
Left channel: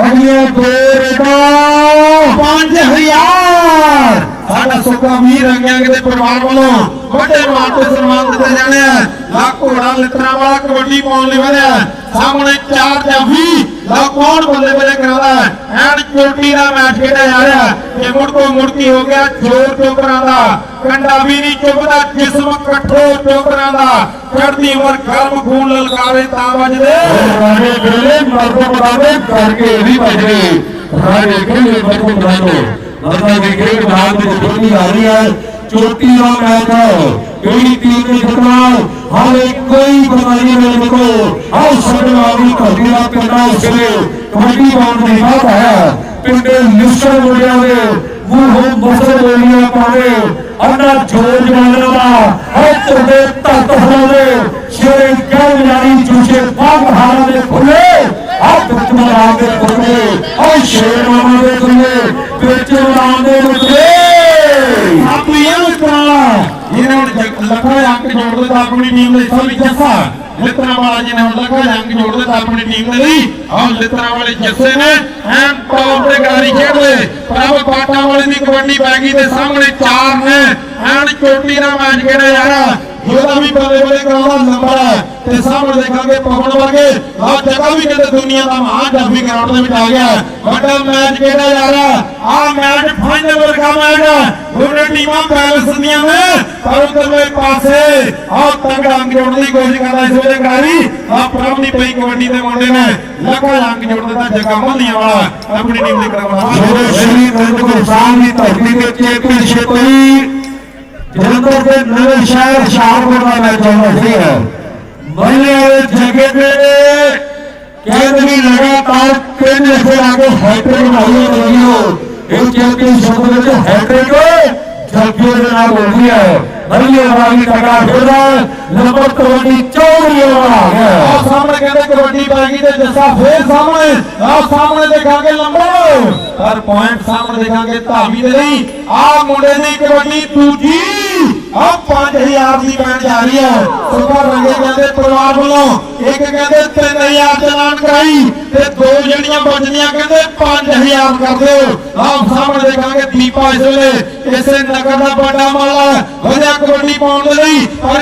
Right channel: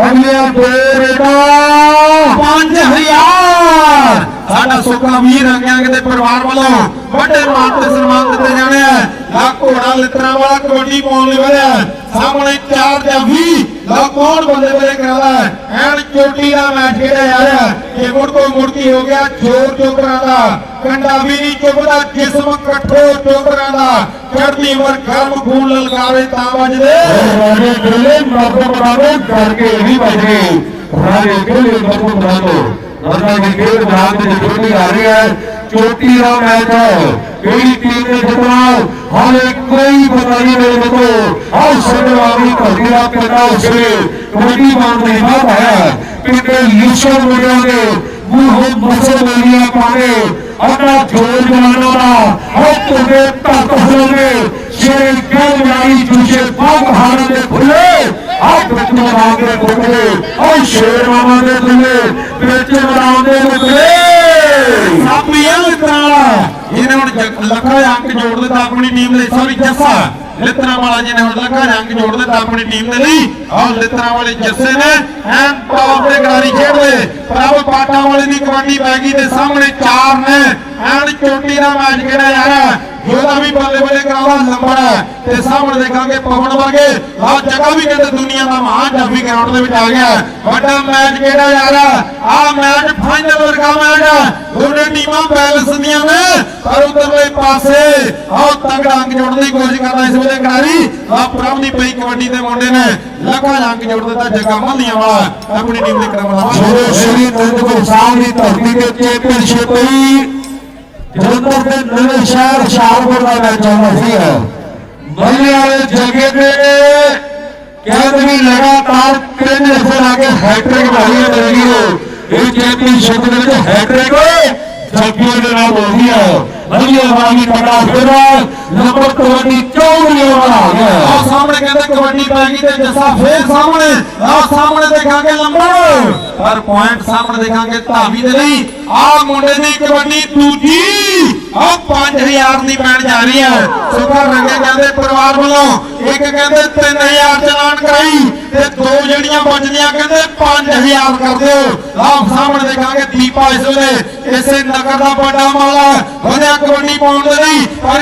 ਅਗਲੀਆਂ ਦੋ ਰੇਟਾਂ 5000 ਸਾਡਾ ਸੁੱਕਾ ਵੀਰ ਰੰਗਿਆਂਗ ਦੇ ਪਰਿਵਾਰ ਵੱਲੋਂ। ਵੱਡੇ ਮਾਤੇ ਸਨਮਾਨ ਦਿੱਤੇ ਜਾਂਦੇ ਆ। ਲਾ ਘੋੜਾ, ਲਿੱਤਰਾ ਵਾਲਾ ਕਬੱਡੀ ਪਾਉਣ ਲਈ ਵਧਿਆ ਸਾਹਮਣੇ ਚਾਰ ਜੱਫੀ ਲਾ ਕੌਣ ਬੱਲੇ ਬੱਲੇ ਕਰਦਾ ਹੈ ਐਨ ਚੋਟੀ ਦਾ ਮੈਚ ਖੇਡਿਆ ਜਾ ਰਿਹਾ ਹੈ ਮੁੜ ਕੋ ਮੁੜਕੀ ਹੋ ਗਿਆ ਛੋਰ ਚੋਕਰਾਂ ਦਾ। ਕੰਡਾ ਵੀ ਨਹੀਂ ਚੁੱਕਦਾ, ਜਿਸਮ ਕਠੋਰ ਚੋਕਰਾਂ ਦਾ। ਚੜਦੀ ਉਮਰ ਗਰਮ ਖੂਨ ਲਲਕਾਰੇ ਤਾਂ ਵੱਜਦੇ। ਰਾਜੇ ਕਿਲੇ ਮਰਦ ਬਦਾਨੇ ਕਰਕੇ ਵੀ ਭਜ ਗਏ। ਰਾਜੇ ਕਿਲੇ ਮਰਦ ਬਦਾਨੇ ਵਰਨਾ ਦੀ ਖੇਡ ਬਾਦ ਵਿੱਚ ਖੇਡੀ ਆ ਰਹੀ ਹੈ। ਚੋਟੀ ਦਾ ਮੈਚ ਹੈ। ਕਿਹੜੀ ਟੀਮ ਨੇ ਜਿੱਤਣਾ ਹਾਲੇ ਕੋਈ ਪਤਾ ਨਹੀਂ ਮੇਰੇ ਕੋਲ ਆਹ ਸਾਡੇ ਵਾਲੀ ਧਰਤੀ ਦਾ ਕਿੰਨਾ ਉਸਲੇ ਕਬੱਡੀ ਬੰਦ ਨਹੀਂ ਨਾ ਪਾਇਆ। ਪਿੰਡੇ ਲਿਸ਼ਾ ਮੁੰਡਿਆਂ ਦੇ ਮੂੰਹ ਮਸਲ ਵਾਲੀਆਂ ਪਾਵੇ ਅੰਨਾ ਜੋਰ ਜਵਾਨਾਂ ਦਾ ਹੱਥ ਦੇ ਤੱਤ ਹੋਵੇ। ਜਿਹੜੇ ਕੰਮ ਯਾਰੀ ਜੁਸੇ ਪੱਗ ਹਾਰਾਂ ਦੇ ਖੁੱਲੇ, ਹੱਥ ਵਿੱਚ ਦੇ ਖੁੱਲੇ ਉਹ ਸ਼ੇਰ ਮਾਮਾ ਦੇ ਖੁੱਲੇ, ਵਿੱਚ ਮਰਾਂ ਦੇ ਖੁੱਲੇ। ਲੱਖਾ ਅੰਕ ਜੋੜ ਦਿੱਤਾ ਆਪਣੀ ਟੀਮ ਦੇ ਸੋਰੀ ਜੱਸਾ। ਲਿਤਰਾ ਵਾਲਾ ਜਿਹਨੇ ਹੁਣ ਲੱਖਾ ਅੰਕ ਜੋੜ ਦਿੱਤਾ ਆਪਣੀ ਟੀਮ ਦੇ ਲਈ। ਆਹ ਲਿਤਰਾ ਵਾਲੇ ਜੱਸੇ ਨੇ, ਐਨ ਟੌਪ ਤੇ ਗਾੜੀ ਖੇਡਦੇ ਪ੍ਰਭ ਪਾਟਾਂ ਵਾਲੇ ਦੀ ਕਬੱਡੀ ਪੈ ਗਈ ਤੇ ਸਾਹਮਣੇ ਚਾਰ ਨੇ। ਐਨ ਚੋਟੀ ਦਾ ਮੈਚ ਕਿਹੜਾ ਯਾਰ ਰਿਹਾ ਜਿਹਦਾ ਵੀ ਬੱਲੇ ਬੱਲੇ ਕਰਾਉਣਾ ਨੰਬਰ ਹੈ। ਤੇ ਸਾਹਮਣੇ ਦੇਖਾਂਗੇ ਪਵਨ ਵਰਗੇ ਲਾ ਜਗ੍ਹਾ ਵੀ ਕਹਿੰਦੇ ਦੁਨੀਆ ਦਾ ਮਹਾਨ ਜਾਫੀ ਗਰਾਊਂਡ ਦੇ ਵਿੱਚ ਆ ਗਿਆ ਵੱਡਾ ਮੈਚ ਖੇਡਿਆ ਜਾ ਰਿਹਾ? ਹੈ ਮੈਚ ਫਾਈਨਲ ਵਰਗਾ ਮੈਚ ਦੋਨੇ ਟੀਮਾਂ ਬੈਲੈਂਸ ਦੀਆਂ ਨੇ। ਪਰ ਉਧਰਲੇ ਪਾਸੇ ਆਹ ਤਗੜਾ ਅੰਗ ਦੀ ਕੋਸ਼ਿਸ਼ ਕਰਦਾ ਇਸ ਵੇਲੇ ਕਰਾਰੀ ਆ ਪ੍ਰਭ ਪਈ ਕਬੱਡੀ ਦੇ ਮੁੰਡੇ ਨੇ ਲੱਖਾ ਅੰਗ ਜੋੜ ਦਿੱਤਾ ਜਗਾ ਮੱਲੀਆਂ ਵਾਲਾ। ਆਪਣੀ ਟੀਮ ਦੀ ਜਦੋਂ ਸ਼੍ਰੀ ਅਨੰਦਪੁਰ ਸਾਹਿਬ ਦੀ ਧਰਤੀ ਤੇ ਚੈਂਪੀਅਨਸ਼ਿਪ ਹੋਈ ਜਲੰਧਰ ਦੇ ਨਵੇਂ ਸ਼ਹਿਰ, ਸ਼ਾਹਪੁਰ ਦਾ ਮੈਚ ਚੱਲਦਾ ਸੀ। ਬੱਲੇ ਵਾਲੇ ਜਗੇ ਦੇ ਕਹਿੰਦੇ ਵੀ ਲਗਾਤਾਰ ਤਿੰਨ ਨੰਬਰ ਆ ਕੇ ਹੈਟ੍ਰਿਕ ਮਾਰੀ ਹੈ ਦੇਖਿਓ ਇਹ ਚੈਂਪੀਅਨਸ਼ਿਪ ਵਿੱਚ ਹੈਟ੍ਰਿਕ ਜੱਗਿਓ ਦੇ ਨਾਲ ਹੋਈ ਹੈ ਬੱਲੇ ਵਾਲੀ ਟਕਾ ਫੇਰਾ ਨੰਬਰ 24 ਚੌੜੀ ਵਾਲਾ ਆ ਗਿਆ। ਆਹ ਸਾਹਮਣੇ ਕਹਿੰਦੇ ਕਬੱਡੀ ਪੈ ਗਈ ਤੇ ਜੱਸਾ ਫੇਰ ਸਾਹਮਣੇ। ਆਹ ਸਾਹਮਣੇ ਦੇਖਾਂਗੇ ਲੰਬੜ ਪਰ ਪੁਆਇੰਟ ਸਾਹਮਣੇ ਦੇਖਾਂਗੇ ਧਾਵੀ ਦੇ ਲਈ। ਆਹ ਮੁੰਡੇ ਦੀ ਕਬੱਡੀ ਆਹ 5000 ਦੀ ਪੈਣ ਜਾ ਰਹੀ ਹੈ। ਸੁਪਰ ਰੰਗੇ ਕਹਿੰਦੇ ਪਰਿਵਾਰ ਵੱਲੋਂ ਇੱਕ ਕਹਿੰਦੇ 3000 ਚਲਾਨ ਕਰਾਈ ਤੇ ਦੋ ਜਿਹੜੀਆਂ ਬਚਦੀਆਂ ਕਹਿੰਦੇ 5000 ਕਰ ਦਿਓ। ਆਹ ਸਾਹਮਣੇ ਦੇਖਾਂਗੇ ਦੀਪਾ ਇਸ ਵੇਲੇ ਇਸੇ ਨਗਰ ਦਾ ਵੱਡਾ ਮਾਲਾ ਵਧੀਆ ਕਬੱਡੀ ਪਾਉਣ ਦੇ ਲਈ ਪਰ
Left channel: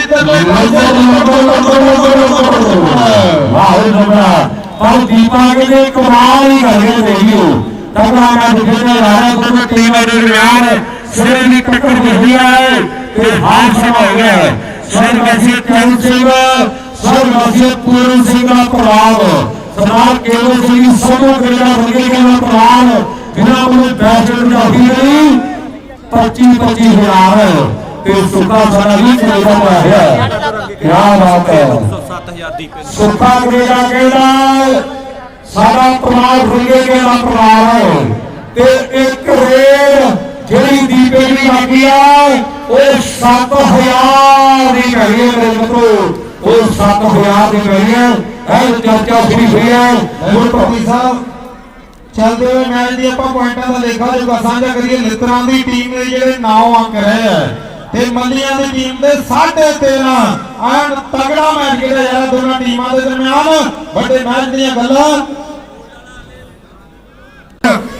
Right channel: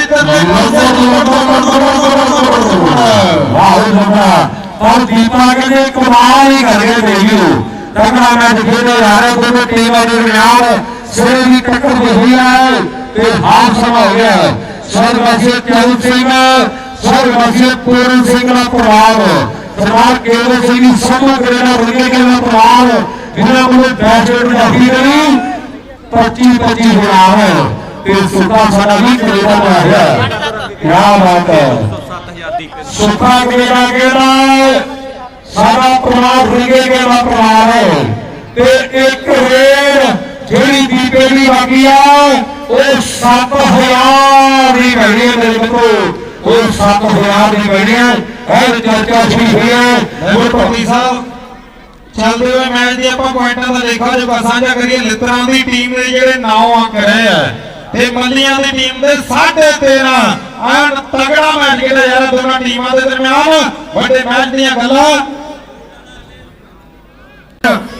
ਵਾਹ ਦੀਪਾ ਕਹਿੰਦੇ ਕਮਾਲ ਹੀ ਕਰੇ ਦੇਖਿਓ ਤਗੜਾ ਮੈਚ ਜਾ ਰਿਹਾ ਦੋਨੋਂ ਟੀਮਾਂ ਦੇ ਦਰਮਿਆਨ ਸਿਰ ਦੀ ਟੱਕਰ ਤੇ ਹਾਰ ਸਮਾਂ ਹੋ। ਗਿਆ ਸਰ ਵਸੇ ਸਿੰਘ ਸਰ ਪੂਰਨ ਸਿੰਘ ਦਾ ਪ੍ਰਭਾਵ ਸਰਦਾਰ ਕੇਵਲ ਸਿੰਘ ਦੀ ਸਮੋ ਕੈਨੇਡਾ ਵਰਗੇ ਦਾ ਪ੍ਰਭਾਵ ਜਿਨ੍ਹਾਂ ਕੋਲ ਬੈਸਟ ਰੱਖੀ ਗਈ 25 25 ਹਜ਼ਾਰ। ਤੇ ਸੁੱਕਾ ਸਾਰਾ ਵੀ ਕੈਨੇਡਾ ਦਾ ਹੈ? ਕੀ ਬਾਤ ਹੈ। 7000 ਦੀ ਪੈਨ ਸੁੱਖਾ ਕਿਹੜਾ ਕਿਹੜਾ? ਸਾਡਾ ਦਾ ਪ੍ਰਮਾਦ ਤੇ ਇੱਕ ਰੇਡ ਦੀ ਉਹ 7000 ਦੀ ਗਈ ਮੇਰੇ ਕੋਲ ਉਹ 7000 ਦੀ ਗਈ ਹੈ। ਇਹ ਚਰਚਾ ਸ਼ੁਰੂ ਹੋਈ ਹੈ। ਗੁਰਪਤੀ ਸਾਹਿਬ, ਚੱਲਦੇ ਹੋਏ ਮੈਚ ਦੀ ਆਪਾਂ ਪੁਆਇੰਟਾਂ ਦਾ ਲੇਖਾ ਜੋਗਾ ਸਾਂਝਾ ਕਰੀਏ ਲਿੱਤਰਾਂ ਦੀ ਟੀਮ ਦੇ ਜਿਹੜੇ 9 ਅੰਕ ਰਹੇ ਆ, ਤੇ ਮੱਲੀਆਂ ਦੀ ਟੀਮ ਦੇ 3.5 ਐਨ ਤਗੜਾ ਮੈਚ ਖੇਡਿਆ ਯਾਰ ਦੋਨਾਂ ਟੀਮਾਂ ਦੇ ਦਰਮਿਆਨ। ਵੱਡੇ ਮੈਚ ਦੀਆਂ ਗੱਲਾਂ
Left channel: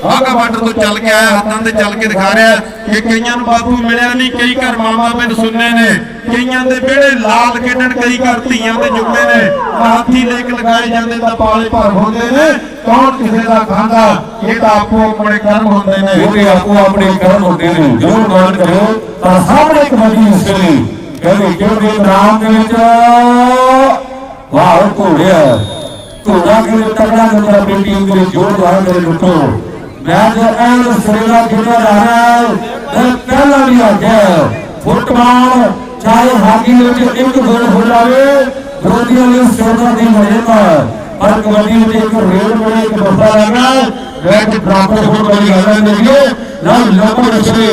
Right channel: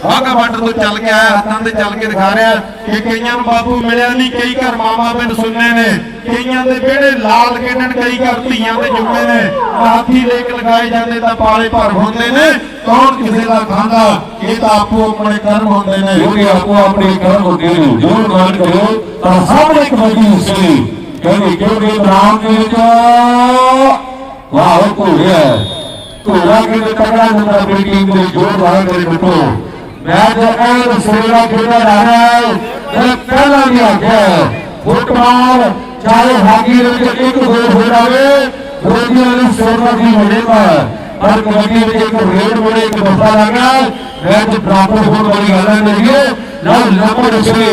ਵਾਗਾ ਬਾਰਡਰ ਤੋਂ ਚੱਲ ਕੇ ਆਇਆ, ਹੱਥਾਂ ਤੇ ਚੱਲ ਕੇ ਦਿਖਾ ਰਿਹਾ ਕਿ ਕਈਆਂ ਨੂੰ ਬਾਪੂ ਮਿਲਿਆ ਨਹੀਂ, ਕਈ ਘਰ ਮਾਮਾ ਪਿੰਡ ਸੁਣਨੇ ਨੇ। ਕਈਆਂ ਦੇ ਵਿਹੜੇ ਲਾਲ ਕਿੰਨਣ ਕਈ ਘਰ ਧੀਆਂ ਦੇ ਜੁਗਨੇ ਨੇ। ਹਾਥੀ ਲੇਖ ਲਗਾਏ ਜਾਂਦੇ ਤਾਂ ਪਾਲੇ ਭਰ ਹੁੰਦੇ ਨੇ। ਕੌਣ ਕਿਸੇ ਦਾ ਖਾਂਦਾ? ਇਹ ਤਾਂ ਆਪੋ ਆਪਣੇ ਕਰਮ ਹੁੰਦੇ ਨੇ। ਕਿਉਂਕਿ ਆਪੋ ਆਪਣੇ ਕਰਮ ਹੁੰਦੇ ਨੇ। ਜੋ ਮਾਨ ਕਰਿਓ। ਤਾਂ ਸਾਹਮਣੇ ਇੱਕ ਵੱਡੀ ਉਸਰੀ ਕਹਿੰਦੇ ਕਿਉਂਕਿ ਨਾਮ ਦੇ ਵਿੱਚ ਵਾਹ ਕੋ ਰਿਹਾ। ਤੁਰਾ ਕਿ ਤਕੜਾ ਹੁੰਦਾ ਆਪਣੀ ਟੀਮ ਦੇ ਜੋਰਦਾਰ ਦੇ ਰੁਕੋ ਮੈਚ ਐਨ ਸੇਵਾ ਖੇਡਿਆ ਜਾ ਰਿਹਾ ਹੈ ਤੇ ਪਹਿਲਾਂ ਵੀ ਆ ਗਿਆ ਫੁੱਟਬਾਲ ਚਾਹੇ ਹਾਕੀ ਵਿੱਚ ਇੱਕ ਗੋਲ ਹੋ ਜਾਵੇ ਦੋਨਾਂ ਲਈ ਸੇਵਾ ਦੀ ਮਜ਼ੇਦਾਰ ਪਰ ਕਬੱਡੀ ਵਿੱਚ ਇੱਕ ਰੇਡ ਵੇਲੇ ਇੱਕ ਬੱਤਾ ਲੱਗਣਾ ਮੈਚ ਬਰਾਬਰ ਹੋਣ ਵਾਲੀ ਗੱਲ ਨਹੀਂ ਹੈ ਜਦ ਲੰਬਰ ਉਸਨੇ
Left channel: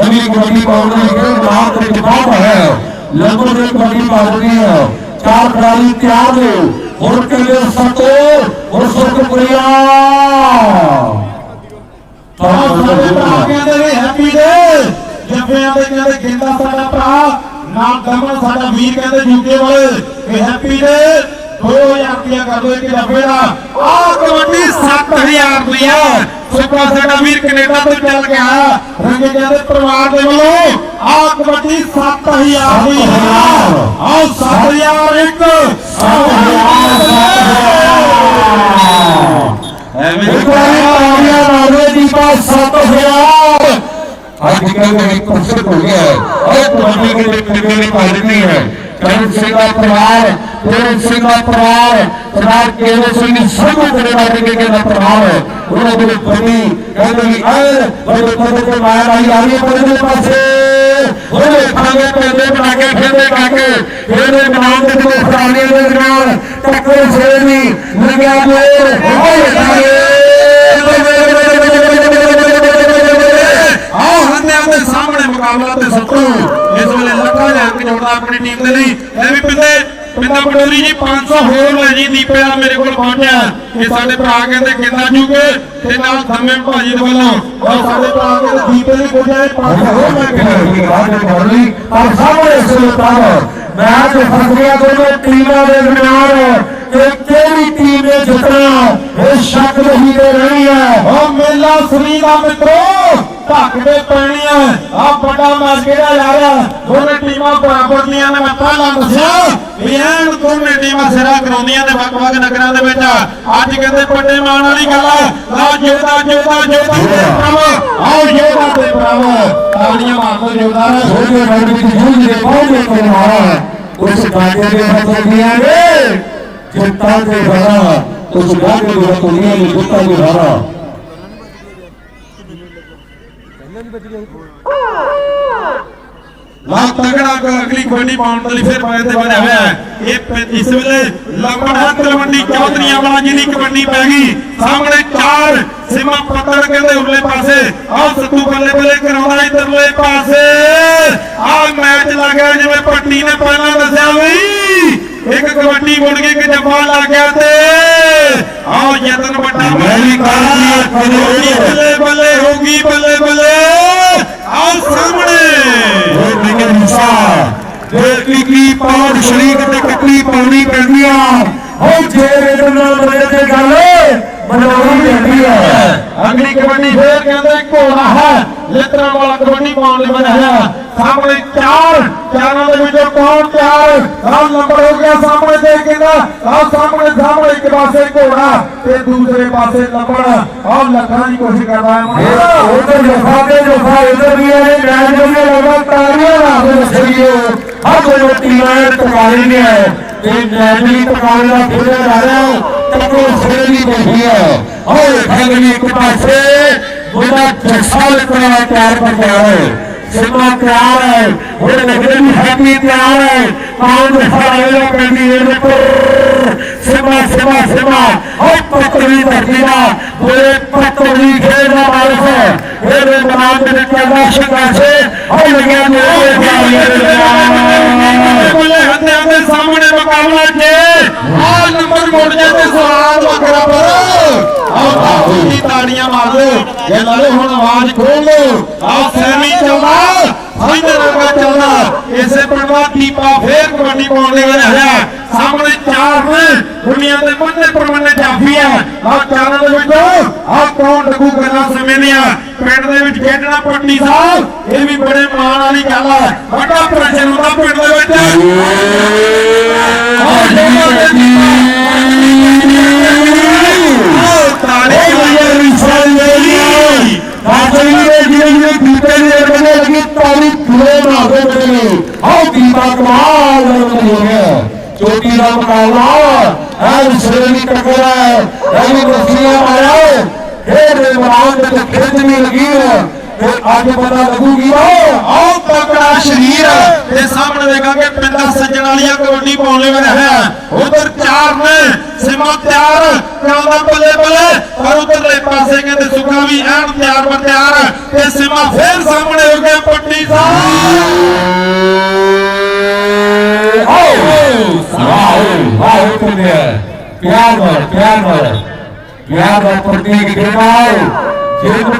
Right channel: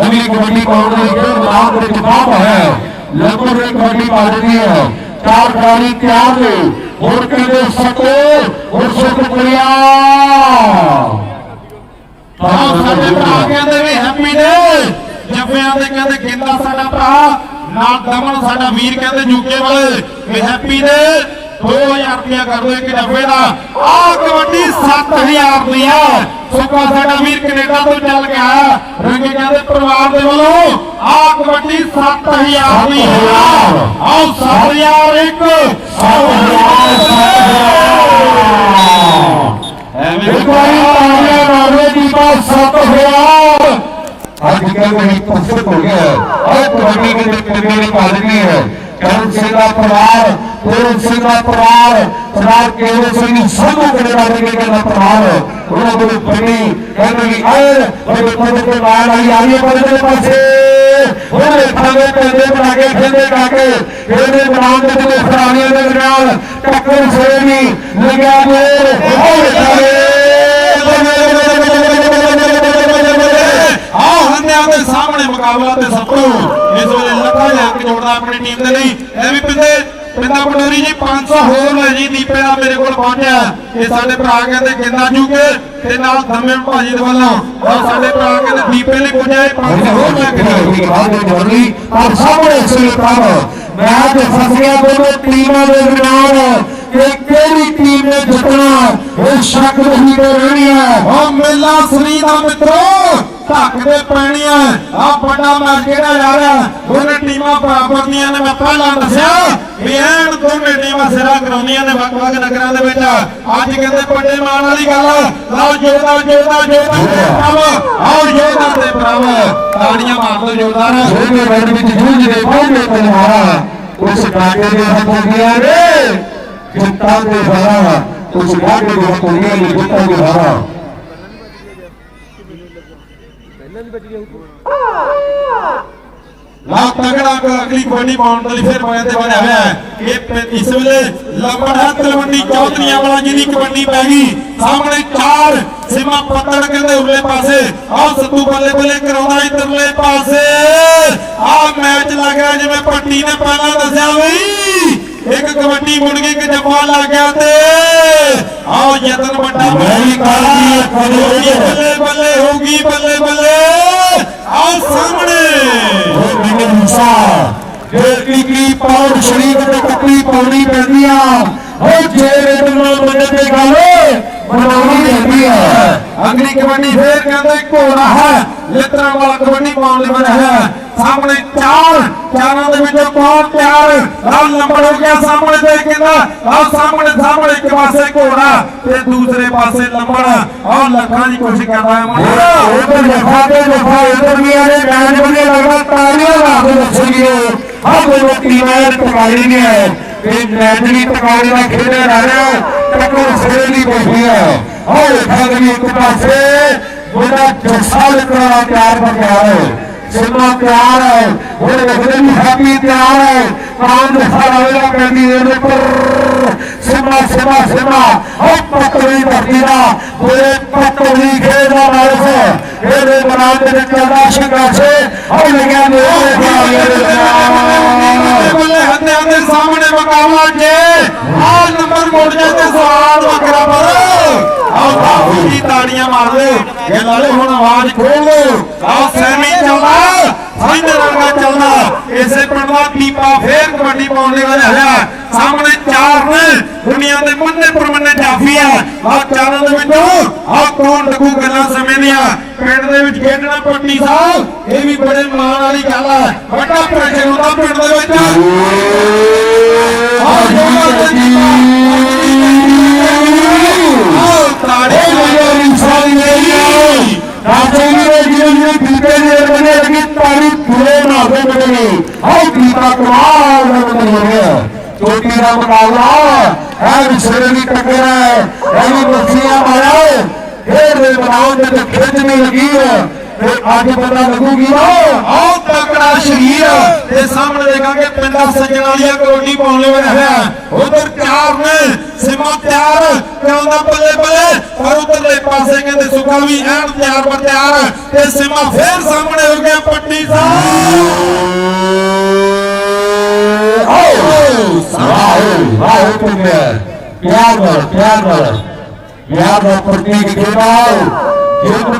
ਅਮੀ ਕਬੱਡੀ ਪਾਉਣ ਦੀ ਖੇਡ ਨਾਮ ਦੇ ਬਾਤ ਹੈ ਲੰਬਰ ਦੇ ਕਬੱਡੀ ਪਾ ਰਹੀ ਹੈ ਚਾਰ ਖਿਡਾਰੀ ਤਿਆਰ ਨੇ ਹੁਣ ਕਹਿੰਦੇ ਸੱਤੇ ਹੁਣ ਸੱਤ ਕੋਇਆ ਆਹ ਸਾਡੇ ਭਰਾਵਾਂ ਦੇ ਵੀ ਹੈਪੀ ਡੇ ਜੱਫਿਆਂ ਦੇ ਕਹਿੰਦੇ ਗਿੰਦਾ ਸਾਡਾ ਭਰਾ ਨਾ ਦਮਨ ਸਾਡਾ ਵੀਰ ਕਹਿੰਦੇ ਯੂਕੇ ਵਾਲੇ। ਇਹ ਹੈਪੀ ਡੇ 2000 ਰੁਪਇਆ ਕਰ ਦੋ ਇੱਕ ਜੱਫੇ ਦਾ ਆਹ ਕਬੱਡੀ 7000 ਰੁਪਇਆ ਸੁੱਕਾ ਸਾਡਾ ਵੀਰ ਕੈਨੇਡਾ ਤੋਂ ਚੱਲ ਗਿਆ ਆਇਆ ਕਹਿੰਦੇ ਪਰਿਵਾਰ ਦੇ ਵੱਲੋਂ ਆਹ ਕਬੱਡੀ 7000 ਦੀ ਆਹ 7000 ਇੱਕ। 7000 ਇੱਕ ਵਾਰੀ ਤਾੜੀਆਂ ਮਾਰੋ ਦੀਪਾ 7000 ਅੱਜ ਕੱਲ੍ਹ ਇਹ ਪੁਸਤਕ ਹੋ ਗਿਆ ਉਹ ਕਬੱਡੀ ਦੇ ਕੰਨੇ ਨੇ ਪੜ ਗਈ ਹੈ ਕਰਨ ਸਿੰਘ ਦਾ ਪਰਿਵਾਰ ਤੇਰੇ ਸਿੰਘ ਦਾ ਪਰਿਵਾਰ ਸਰਦਾਰ ਕੇਵਲ ਸਿੰਘ ਸਭੂ ਦੇ ਬਾਰੇ ਕੇ ਦਾ ਪਰਿਵਾਰ ਉਹਨਾਂ ਦੇ ਬੜੀ ਕਹਿੰਦੇ ਵੀ ਆਏ ਬੜੇ ਕੋਲ ਤੇ ਮਾਰ ਆਈ ਆਈ ਪਰਦੇ ਪਾਸੇ ਉਹਨੇ ਖਾਣੇ ਪੈਦੇ ਬਣਾ ਕੇ ਖੇਡੇ ਕਾਕੇ ਖੇਡੇ ਬਣਾਉਣ ਦੇ ਤੇ ਸਰਾਣੀਆਂ ਦੇ ਦਰਮਿਆਨ ਟੱਕਰ ਸੇਵੀ ਲਗਾ ਮੋਰ ਹੋਏ ਆਹ ਹੰਨਿਆਂ ਦੇ ਸਾਹਮਣੇ ਮੁਕਾਬਲਾ ਤੇ ਸਤਰੂ ਇਸ ਵੇਲੇ ਲੱਖਾਂ ਲੈ ਕੇ ਜੋੜਦਾ ਆਪਣੀ ਟੀਮ ਦੇ ਲਈ ਇਹ ਵੀ ਪਿੰਦੇ ਪਿੰਦਾ ਬਡੋਰੀ ਜੀ 500 ਹੋਰ ਲੈ ਜੀ ਦੀਪੇ ਦਾ ਮੇਰੇ ਕੋਲ ਪਹੁੰਚਿਆ। ਇਹ ਸਾਡੇ ਭਰਾ ਕਹਿੰਦੇ ਕਿੰਨਾ ਜੂਗੇ ਤੇ ਨਾਲ ਧੰਮੇ ਭਾਜੀ ਦੇ ਵੱਲੋਂ। ਔਰ ਸਾਡੇ ਭਰਾ ਕਹਿੰਦੇ ਦੀਪੇ ਲਈ ਪੁੱਛਿਆ 500 ਹੋਰ ਲੈ ਕੇ ਔਰ ਸਾਹਮਣੇ ਸੁਲਤਾਨ ਮੈਚ ਫਸਿਆ ਦੋਨੋਂ ਟੀਮਾਂ ਦੇ ਦਰਮਿਆਨ ਕਿ ਕਿਹੜੀ ਟੀਮ ਨੇ ਜਿੱਤਣਾ ਇਹ ਸ਼ੱਕ ਨਹੀਂ ਤੇ ਰਹਿਣੀ ਹੈ। ਉਹ ਮੇਲਾ ਸ੍ਰੀ ਦਾ ਮਿੱਤਰੋ ਢੱਕ ਦੇ ਪੈਣੀ ਆ। ਆ ਵੱਡਾ ਮੈਚ ਕਿਹੜਾ ਯਾਰ ਉਹਨੇ ਟੀਮਾਂ ਬਰਾਬਰ ਦੀਆਂ ਨੇ, ਮੈਂ ਪਹਿਲਾਂ ਦੱਸਿਆ। ਵੀ ਐਨ ਦੋਨੇ ਟੀਮਾਂ ਸਿਰਾ ਕਰਾਉਂਦੀਆਂ ਨੇ ਵੱਖ-ਵੱਖ ਨਗਰਾਂ ਦੇ ਵਿੱਚ। ਅੱਜ ਕਹਿੰਦੇ ਵੱਡੇ ਮਾਣ ਵਾਲੀ ਗੱਲ ਆ। ਲਓ ਜੋਦਾ ਜੋਦਾ ਜੋਦਾ ਤੇ ਬਰਾਵੋ ਆਓ ਜੋਦਾ ਤੇ ਬਰਾਵੋ ਤਾੜੀਆਂ ਮਾਰਦੇ ਜੋਦਾਰੋ ਉਹਨੇ ਰੰਗ ਵਿੱਚ ਜੂਝ ਦੇ ਪਹੁੰਚੇ ਕਰਵਾਇਆ ਕੁਝ ਗਾਗੇ ਦੇ ਹੱਥ ਗਿਆ ਰੇ ਜੁੱਤਾ ਦੇ ਘਰਾ ਕੁਝ ਗਾਗੇ ਦੇ ਹੱਥ ਗਿਆ ਨੇ ਜੁੱਤਾ ਦੇ ਘਰਾ ਪਹਿਲਾਂ ਗਿਆ ਸੀ। ਤਗੜਾ ਕੋ ਅਗਲੀ ਕਬੱਡੀ ਪਾਉਣ ਲਈ ਫਿਰ ਮੈਂ ਤੇ ਬਣਿਆ ਹੋਇਆ ਹੈ। ਇਹ ਇਸ ਵੇਲੇ ਲੰਬੜਾ ਤਲਵੰਡੀ ਚੌਧਰੀਆਂ ਵਾਲਾ ਜਿਹਦੀ ਕਬੱਡੀ ਪੈ ਗਈ। ਸਾਹਮਣੇ ਚਾਰ ਸਿਮਾ ਪੱਤੜ ਕਹਿੰਦੇ ਉਰਲੇ ਪਾਸੇ। ਆਹ ਸੱਤੂ ਬੱਲੇ ਬੱਲੇ ਕਰਾਉਣਾ ਇਧਰਲੇ ਪਾਸੇ। ਆਹ ਮੈਚ ਲੱਗ ਰਿਹਾ ਜਿਵੇਂ ਪੱਟੀ ਨੇ ਪਹਿਲਾਂ ਦੱਸਿਆ ਵੀ। ਇੱਕ ਕਬੱਡੀ ਮੁੜ ਗਈ ਕਿ ਜਫਾ ਲੱਗ ਗਿਆ ਤੇ ਆਹ ਯਤਨ ਵੱਡਾ ਮੇਰੀ ਬੱਲੇ ਬੱਲੇ ਹੋਗੀ ਬੱਲੇ ਬੱਲੇ। ਆਹ ਸਾਹਮਣੇ। ਉਹ ਮੈਨੂੰ ਮੁਸਾ। ਜੇ ਕੀ ਕੀ ਪਾਉਣ ਸ਼ਰੀਕ ਤੇ ਕੱਟੀ ਪਾਉਣੀ ਪੈਂਦੀ ਆ ਉਹ ਜੇ ਰੇਡਰ ਬੜੇ ਤੇ ਗੱਲ ਬਣਾਉਣੀ ਜਾਂਦੀ ਆ ਅਗਲੀ ਕਬੱਡੀ ਫੇਰ ਕਹਿੰਦੇ ਘੋੜਾ ਹੈ। ਲਿੱਤਰਾਂ ਵਾਲਾ ਕਬੱਡੀ ਪਾਉਣ ਲਈ ਬਣਿਆ ਹੈ। ਸਾਹਮਣੇ ਚਾਰ ਚਾਰਾਂ ਦੇ ਵਿੱਚੋਂ ਕੌਣ ਤਿਆਰ ਆਹ ਨੰਬਰ ਹੋ ਗਿਆ ਸਾਹਮਣੇ ਤੇ ਕਹਿੰਦਾ ਆਹ ਸਾਹਮਣੇ ਸਾਹਮਣੇ ਇੱਕ ਪਾਸੇ ਘੋੜਾ ਤੇ ਦੂਸਰੇ ਪਾਸੇ ਲੰਬੜ। ਆਹ ਲੱਖਾਂ ਦੀ ਕੋਸ਼ਿਸ਼ ਕਰਦਾ ਹੈ ਮੁੰਡਾ। ਉਧਰ ਜਫਾ ਦੇ ਜਫਾ ਉਧਰ ਵੀ ਆਲੇ ਮੈਚ ਵਧੀਆ ਲੱਗਦਾ ਤਾਲੀਆਂ ਲਾ ਕੇ ਦੱਸੀ ਆ ਕੋਈ ਟੀਮਾਂ ਟਕਾਈ ਗਿਆ ਤੇ ਮੈਚ ਵੀ ਟਕਾਈ ਦਾ ਖੇਡਿਆ ਜਾ ਰਿਹਾ ਟੱਕਰ ਸੇਲੀ ਬੈਠੀ ਹੈ। ਹੋਏ ਖੰਗੀ ਇੱਕ ਪਾਸੇ ਉਹਦਾ ਜੱਸਾ ਲੱਗਣਾ ਤਿਆਰ ਬਗਿਆ ਸਿਮਾ ਤਿਆਰ ਹੈ ਉਹਦੇ ਲੱਗਦੇ ਵੀ ਹੈਪੀ ਤਿਆਰ ਹੈ ਕਾਮ ਦਾ ਸਾਰਾ ਹੋਇਆ ਪੈਂਦੀ ਹੈ ਉੱਪਰ ਸਿਮਾ ਸਿਮਾ ਸਿਮਾ, ਉਹ ਪਕੜੀ ਧਰਤੀਦਾ ਉਹ ਪਕੜੀ ਖੇਡਦਾ ਵਾਰਸ ਇਹਦੇ ਬਨਾਲ ਦੇ ਵਿੱਚ ਚੱਲਦਾ ਸ਼ਿਕਾਸੇ ਉਹ ਲੱਗਿਆ ਮੇਰੇ ਬੱਲੇ ਹੱਥਾਂ ਦੇ ਸਾਹਮਣੇ ਮੁਕਾਬਲਾ ਜੇ, ਆਹ ਨੰਬਰ ਮੋੜ ਜਾ ਤੇ ਸਵਾਦ ਵੱਖਰਾ ਪਰ ਆਹ ਬਾਬੂ ਜੀ ਤਾੜੀਆਂ ਮਾਰ ਲਓ ਇਹ ਲਾਲੇ ਹੁਣ ਆਵਾਜ਼ ਖੋਲ ਆਹ ਸੈਮੀ ਚੱਲਦਾ। ਫਾਈਨਲ ਵਰਗਾ ਚੱਲਦਾ। ਇਸੇ ਪਿੰਡ ਦਾ ਕੀਪਾ ਫੇਰ ਕਬੱਡੀ ਪਾਉਣ ਦੇ ਵਿੱਚ ਹੈ ਸਾਹਮਣੇ ਚਾਰ ਨੇ। ਦੁਨੀਆ ਦੇ ਮੰਨੇ ਪਰਮੰਨੇ ਜਾਫੀ ਆ। ਆਹ ਚਾਰਾਂ ਦੇ ਵਿੱਚੋਂ ਆਹ ਕੌਣ ਲੱਗੂ ਗੱਲਾਂ ਸਮੇਂ ਦੀਆਂ ਪਿੰਡ ਦੇ ਵਿੱਚ ਖੇਡਣਾ ਪੱਟੀ ਸਾਹਿਬ। ਇਹ ਵੀ ਬੜੇ ਮਾਣ ਵਾਲੀ ਗੱਲ ਆ। ਵੱਡਾ ਪ੍ਰਸ਼ਨ ਹੁੰਦਾ ਪਿੰਡ ਦੇ ਵਿੱਚ। ਬੀਤੇ ਨੇ ਬਣੇ ਲੱਗੇ ਤਾਰੀ ਖੁਲੇ ਮਾਰਦੇ ਬਣੇ। ਹਾਈ ਦੀਦਾ ਕਮਾਲ ਬਣੇ ਹੋਇਆ ਚੋਟੀ ਦਾ ਮੁਕਾਬਲਾ ਹੈ ਵਿਸਰੇ ਦੀ ਟੱਕਰ ਹੈ। ਇਹ ਵੀ ਗੋਸੀਆਂ ਮਾਰੇ ਖੇਡ ਦੇ ਮੈਦਾਨ ਦੇ ਤੇ ਅੱਜ ਪਤਾ ਲੱਗੂਗੀ ਨਾ ਆਹ ਤਕੜਾ ਸ਼ਰੀਰ ਤੇ ਸਾਹਮਣੇ ਦੇਖਾਂਗੇ ਪਿੰਡਾ ਸੱਜਣ ਵਾਲੀਆਂ ਕਬੱਡੀ ਪਾਉਣ ਲਈ ਹੈ ਹੋਇਆ ਉਧਰ ਚਾਰ ਨੇ ਸਿਮਾ ਤਿਆਰ ਕਰਾਉਂਦਾ ਬੱਲੇ ਬੱਲੇ ਪਰ ਉਧਰਲੇ ਪਾਸੇ ਕਹਿੰਦੇ ਸੁਖਾ ਵੀ ਐਨ ਤਿਆਰ ਬਰ ਤਿਆਰ ਤੇ ਸਿਮਾ ਫੇਰ ਸਾਹਮਣੇ ਹੋ ਗਿਆ ਪੱਟੀ ਆਓ ਕੰਦਿਆ ਪਿਆਰ ਨਾਲ ਪਿਆਰ ਨਾਲ ਪਿਆਰ ਦਾ ਪ੍ਰਤੀਕ ਦੇ ਨਾਲ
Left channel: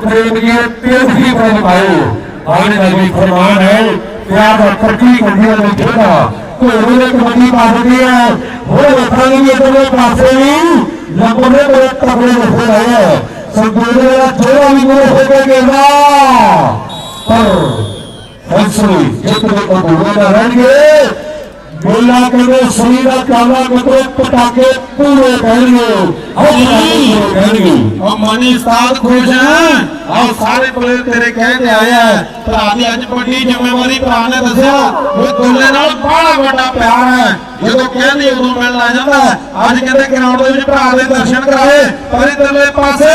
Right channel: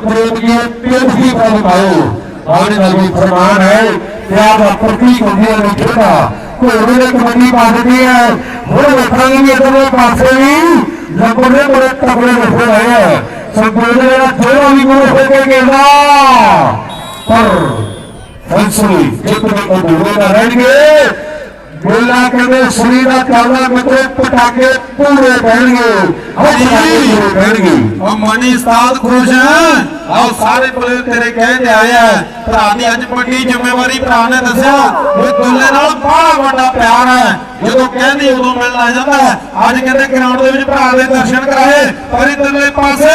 ਪ੍ਰੇਮ ਦੀ ਤੇਜ਼ੀ ਦਾ ਬਤਾਓ ਆਣੇ ਦਾ ਵੀ ਫਰਮਾਨ ਹੈ ਪਿਆਰ ਦਾ ਪ੍ਰਤੀਕ ਹੁੰਦੀਆਂ ਨੇ ਛੋਟਾ ਘੋੜੇ ਨੇ ਕਬੱਡੀ ਪਾ ਦਿੱਤੀ ਹੈ ਹੁਣ ਵੇਖਾਂਗੇ ਵੀ ਇਧਰਲੇ ਪਾਸੇ ਵੀ ਲੱਭੜੇ ਬੜੇ ਤਕੜੇ ਬੈਠੇ ਹੋਏ ਆ ਸੰਪੂਰਨ ਦਾ ਥੋੜਾ ਵੀ ਗੋਲ ਹੋ ਕੇ ਗਿਆ ਪਰ ਫੈਸਲੇ ਜਿੱਤ ਦੇ ਕੋਲ ਰਹਿਣਗੇ ਮੇਲਾ ਕਹਿੰਦੇ ਸਰੀਰ ਦਾ ਕਾਲਾ ਮਿੱਤਰੋ ਪਟਾਕੇ ਪੂਰੇ ਰਹਿਣਗੇ ਹਰ ਪਟਾਕੇ ਪੂਰੇ ਰਹਿਣਗੇ ਉਹ ਮਨੀ ਉਸਤਾਦ ਖੁਸ਼ ਹੈ ਆ ਸਾਰੇ ਪੁਲਿਸ ਤੇਰੇ ਕਹਿ ਕੇ ਆਇਆ ਭਰਾ ਦੀ ਅੱਜ ਵੱਡੀ ਜ਼ਿੰਮੇਵਾਰੀ ਭਰਾ ਨੇ ਦੱਸਿਆ ਇਹ ਦੁੱਲੇ ਨਾਲ ਬੜਾ ਵੱਡਾ ਪਿਆਰ ਹੈ ਜਦੋਂ ਕਹਿੰਦੀ ਉਦੋਂ ਮਿਲਣ ਆ ਜਾਂਦਾ ਅੱਜ ਕਹਿੰਦੇ ਗਰਾਊਂਡ ਦੇ ਵਿੱਚ ਭਰਾ ਦੇ ਦਰਸ਼ਨ ਕਰਾਏ, ਪਰ ਇਧਰਲੇ ਪਾਸੇ,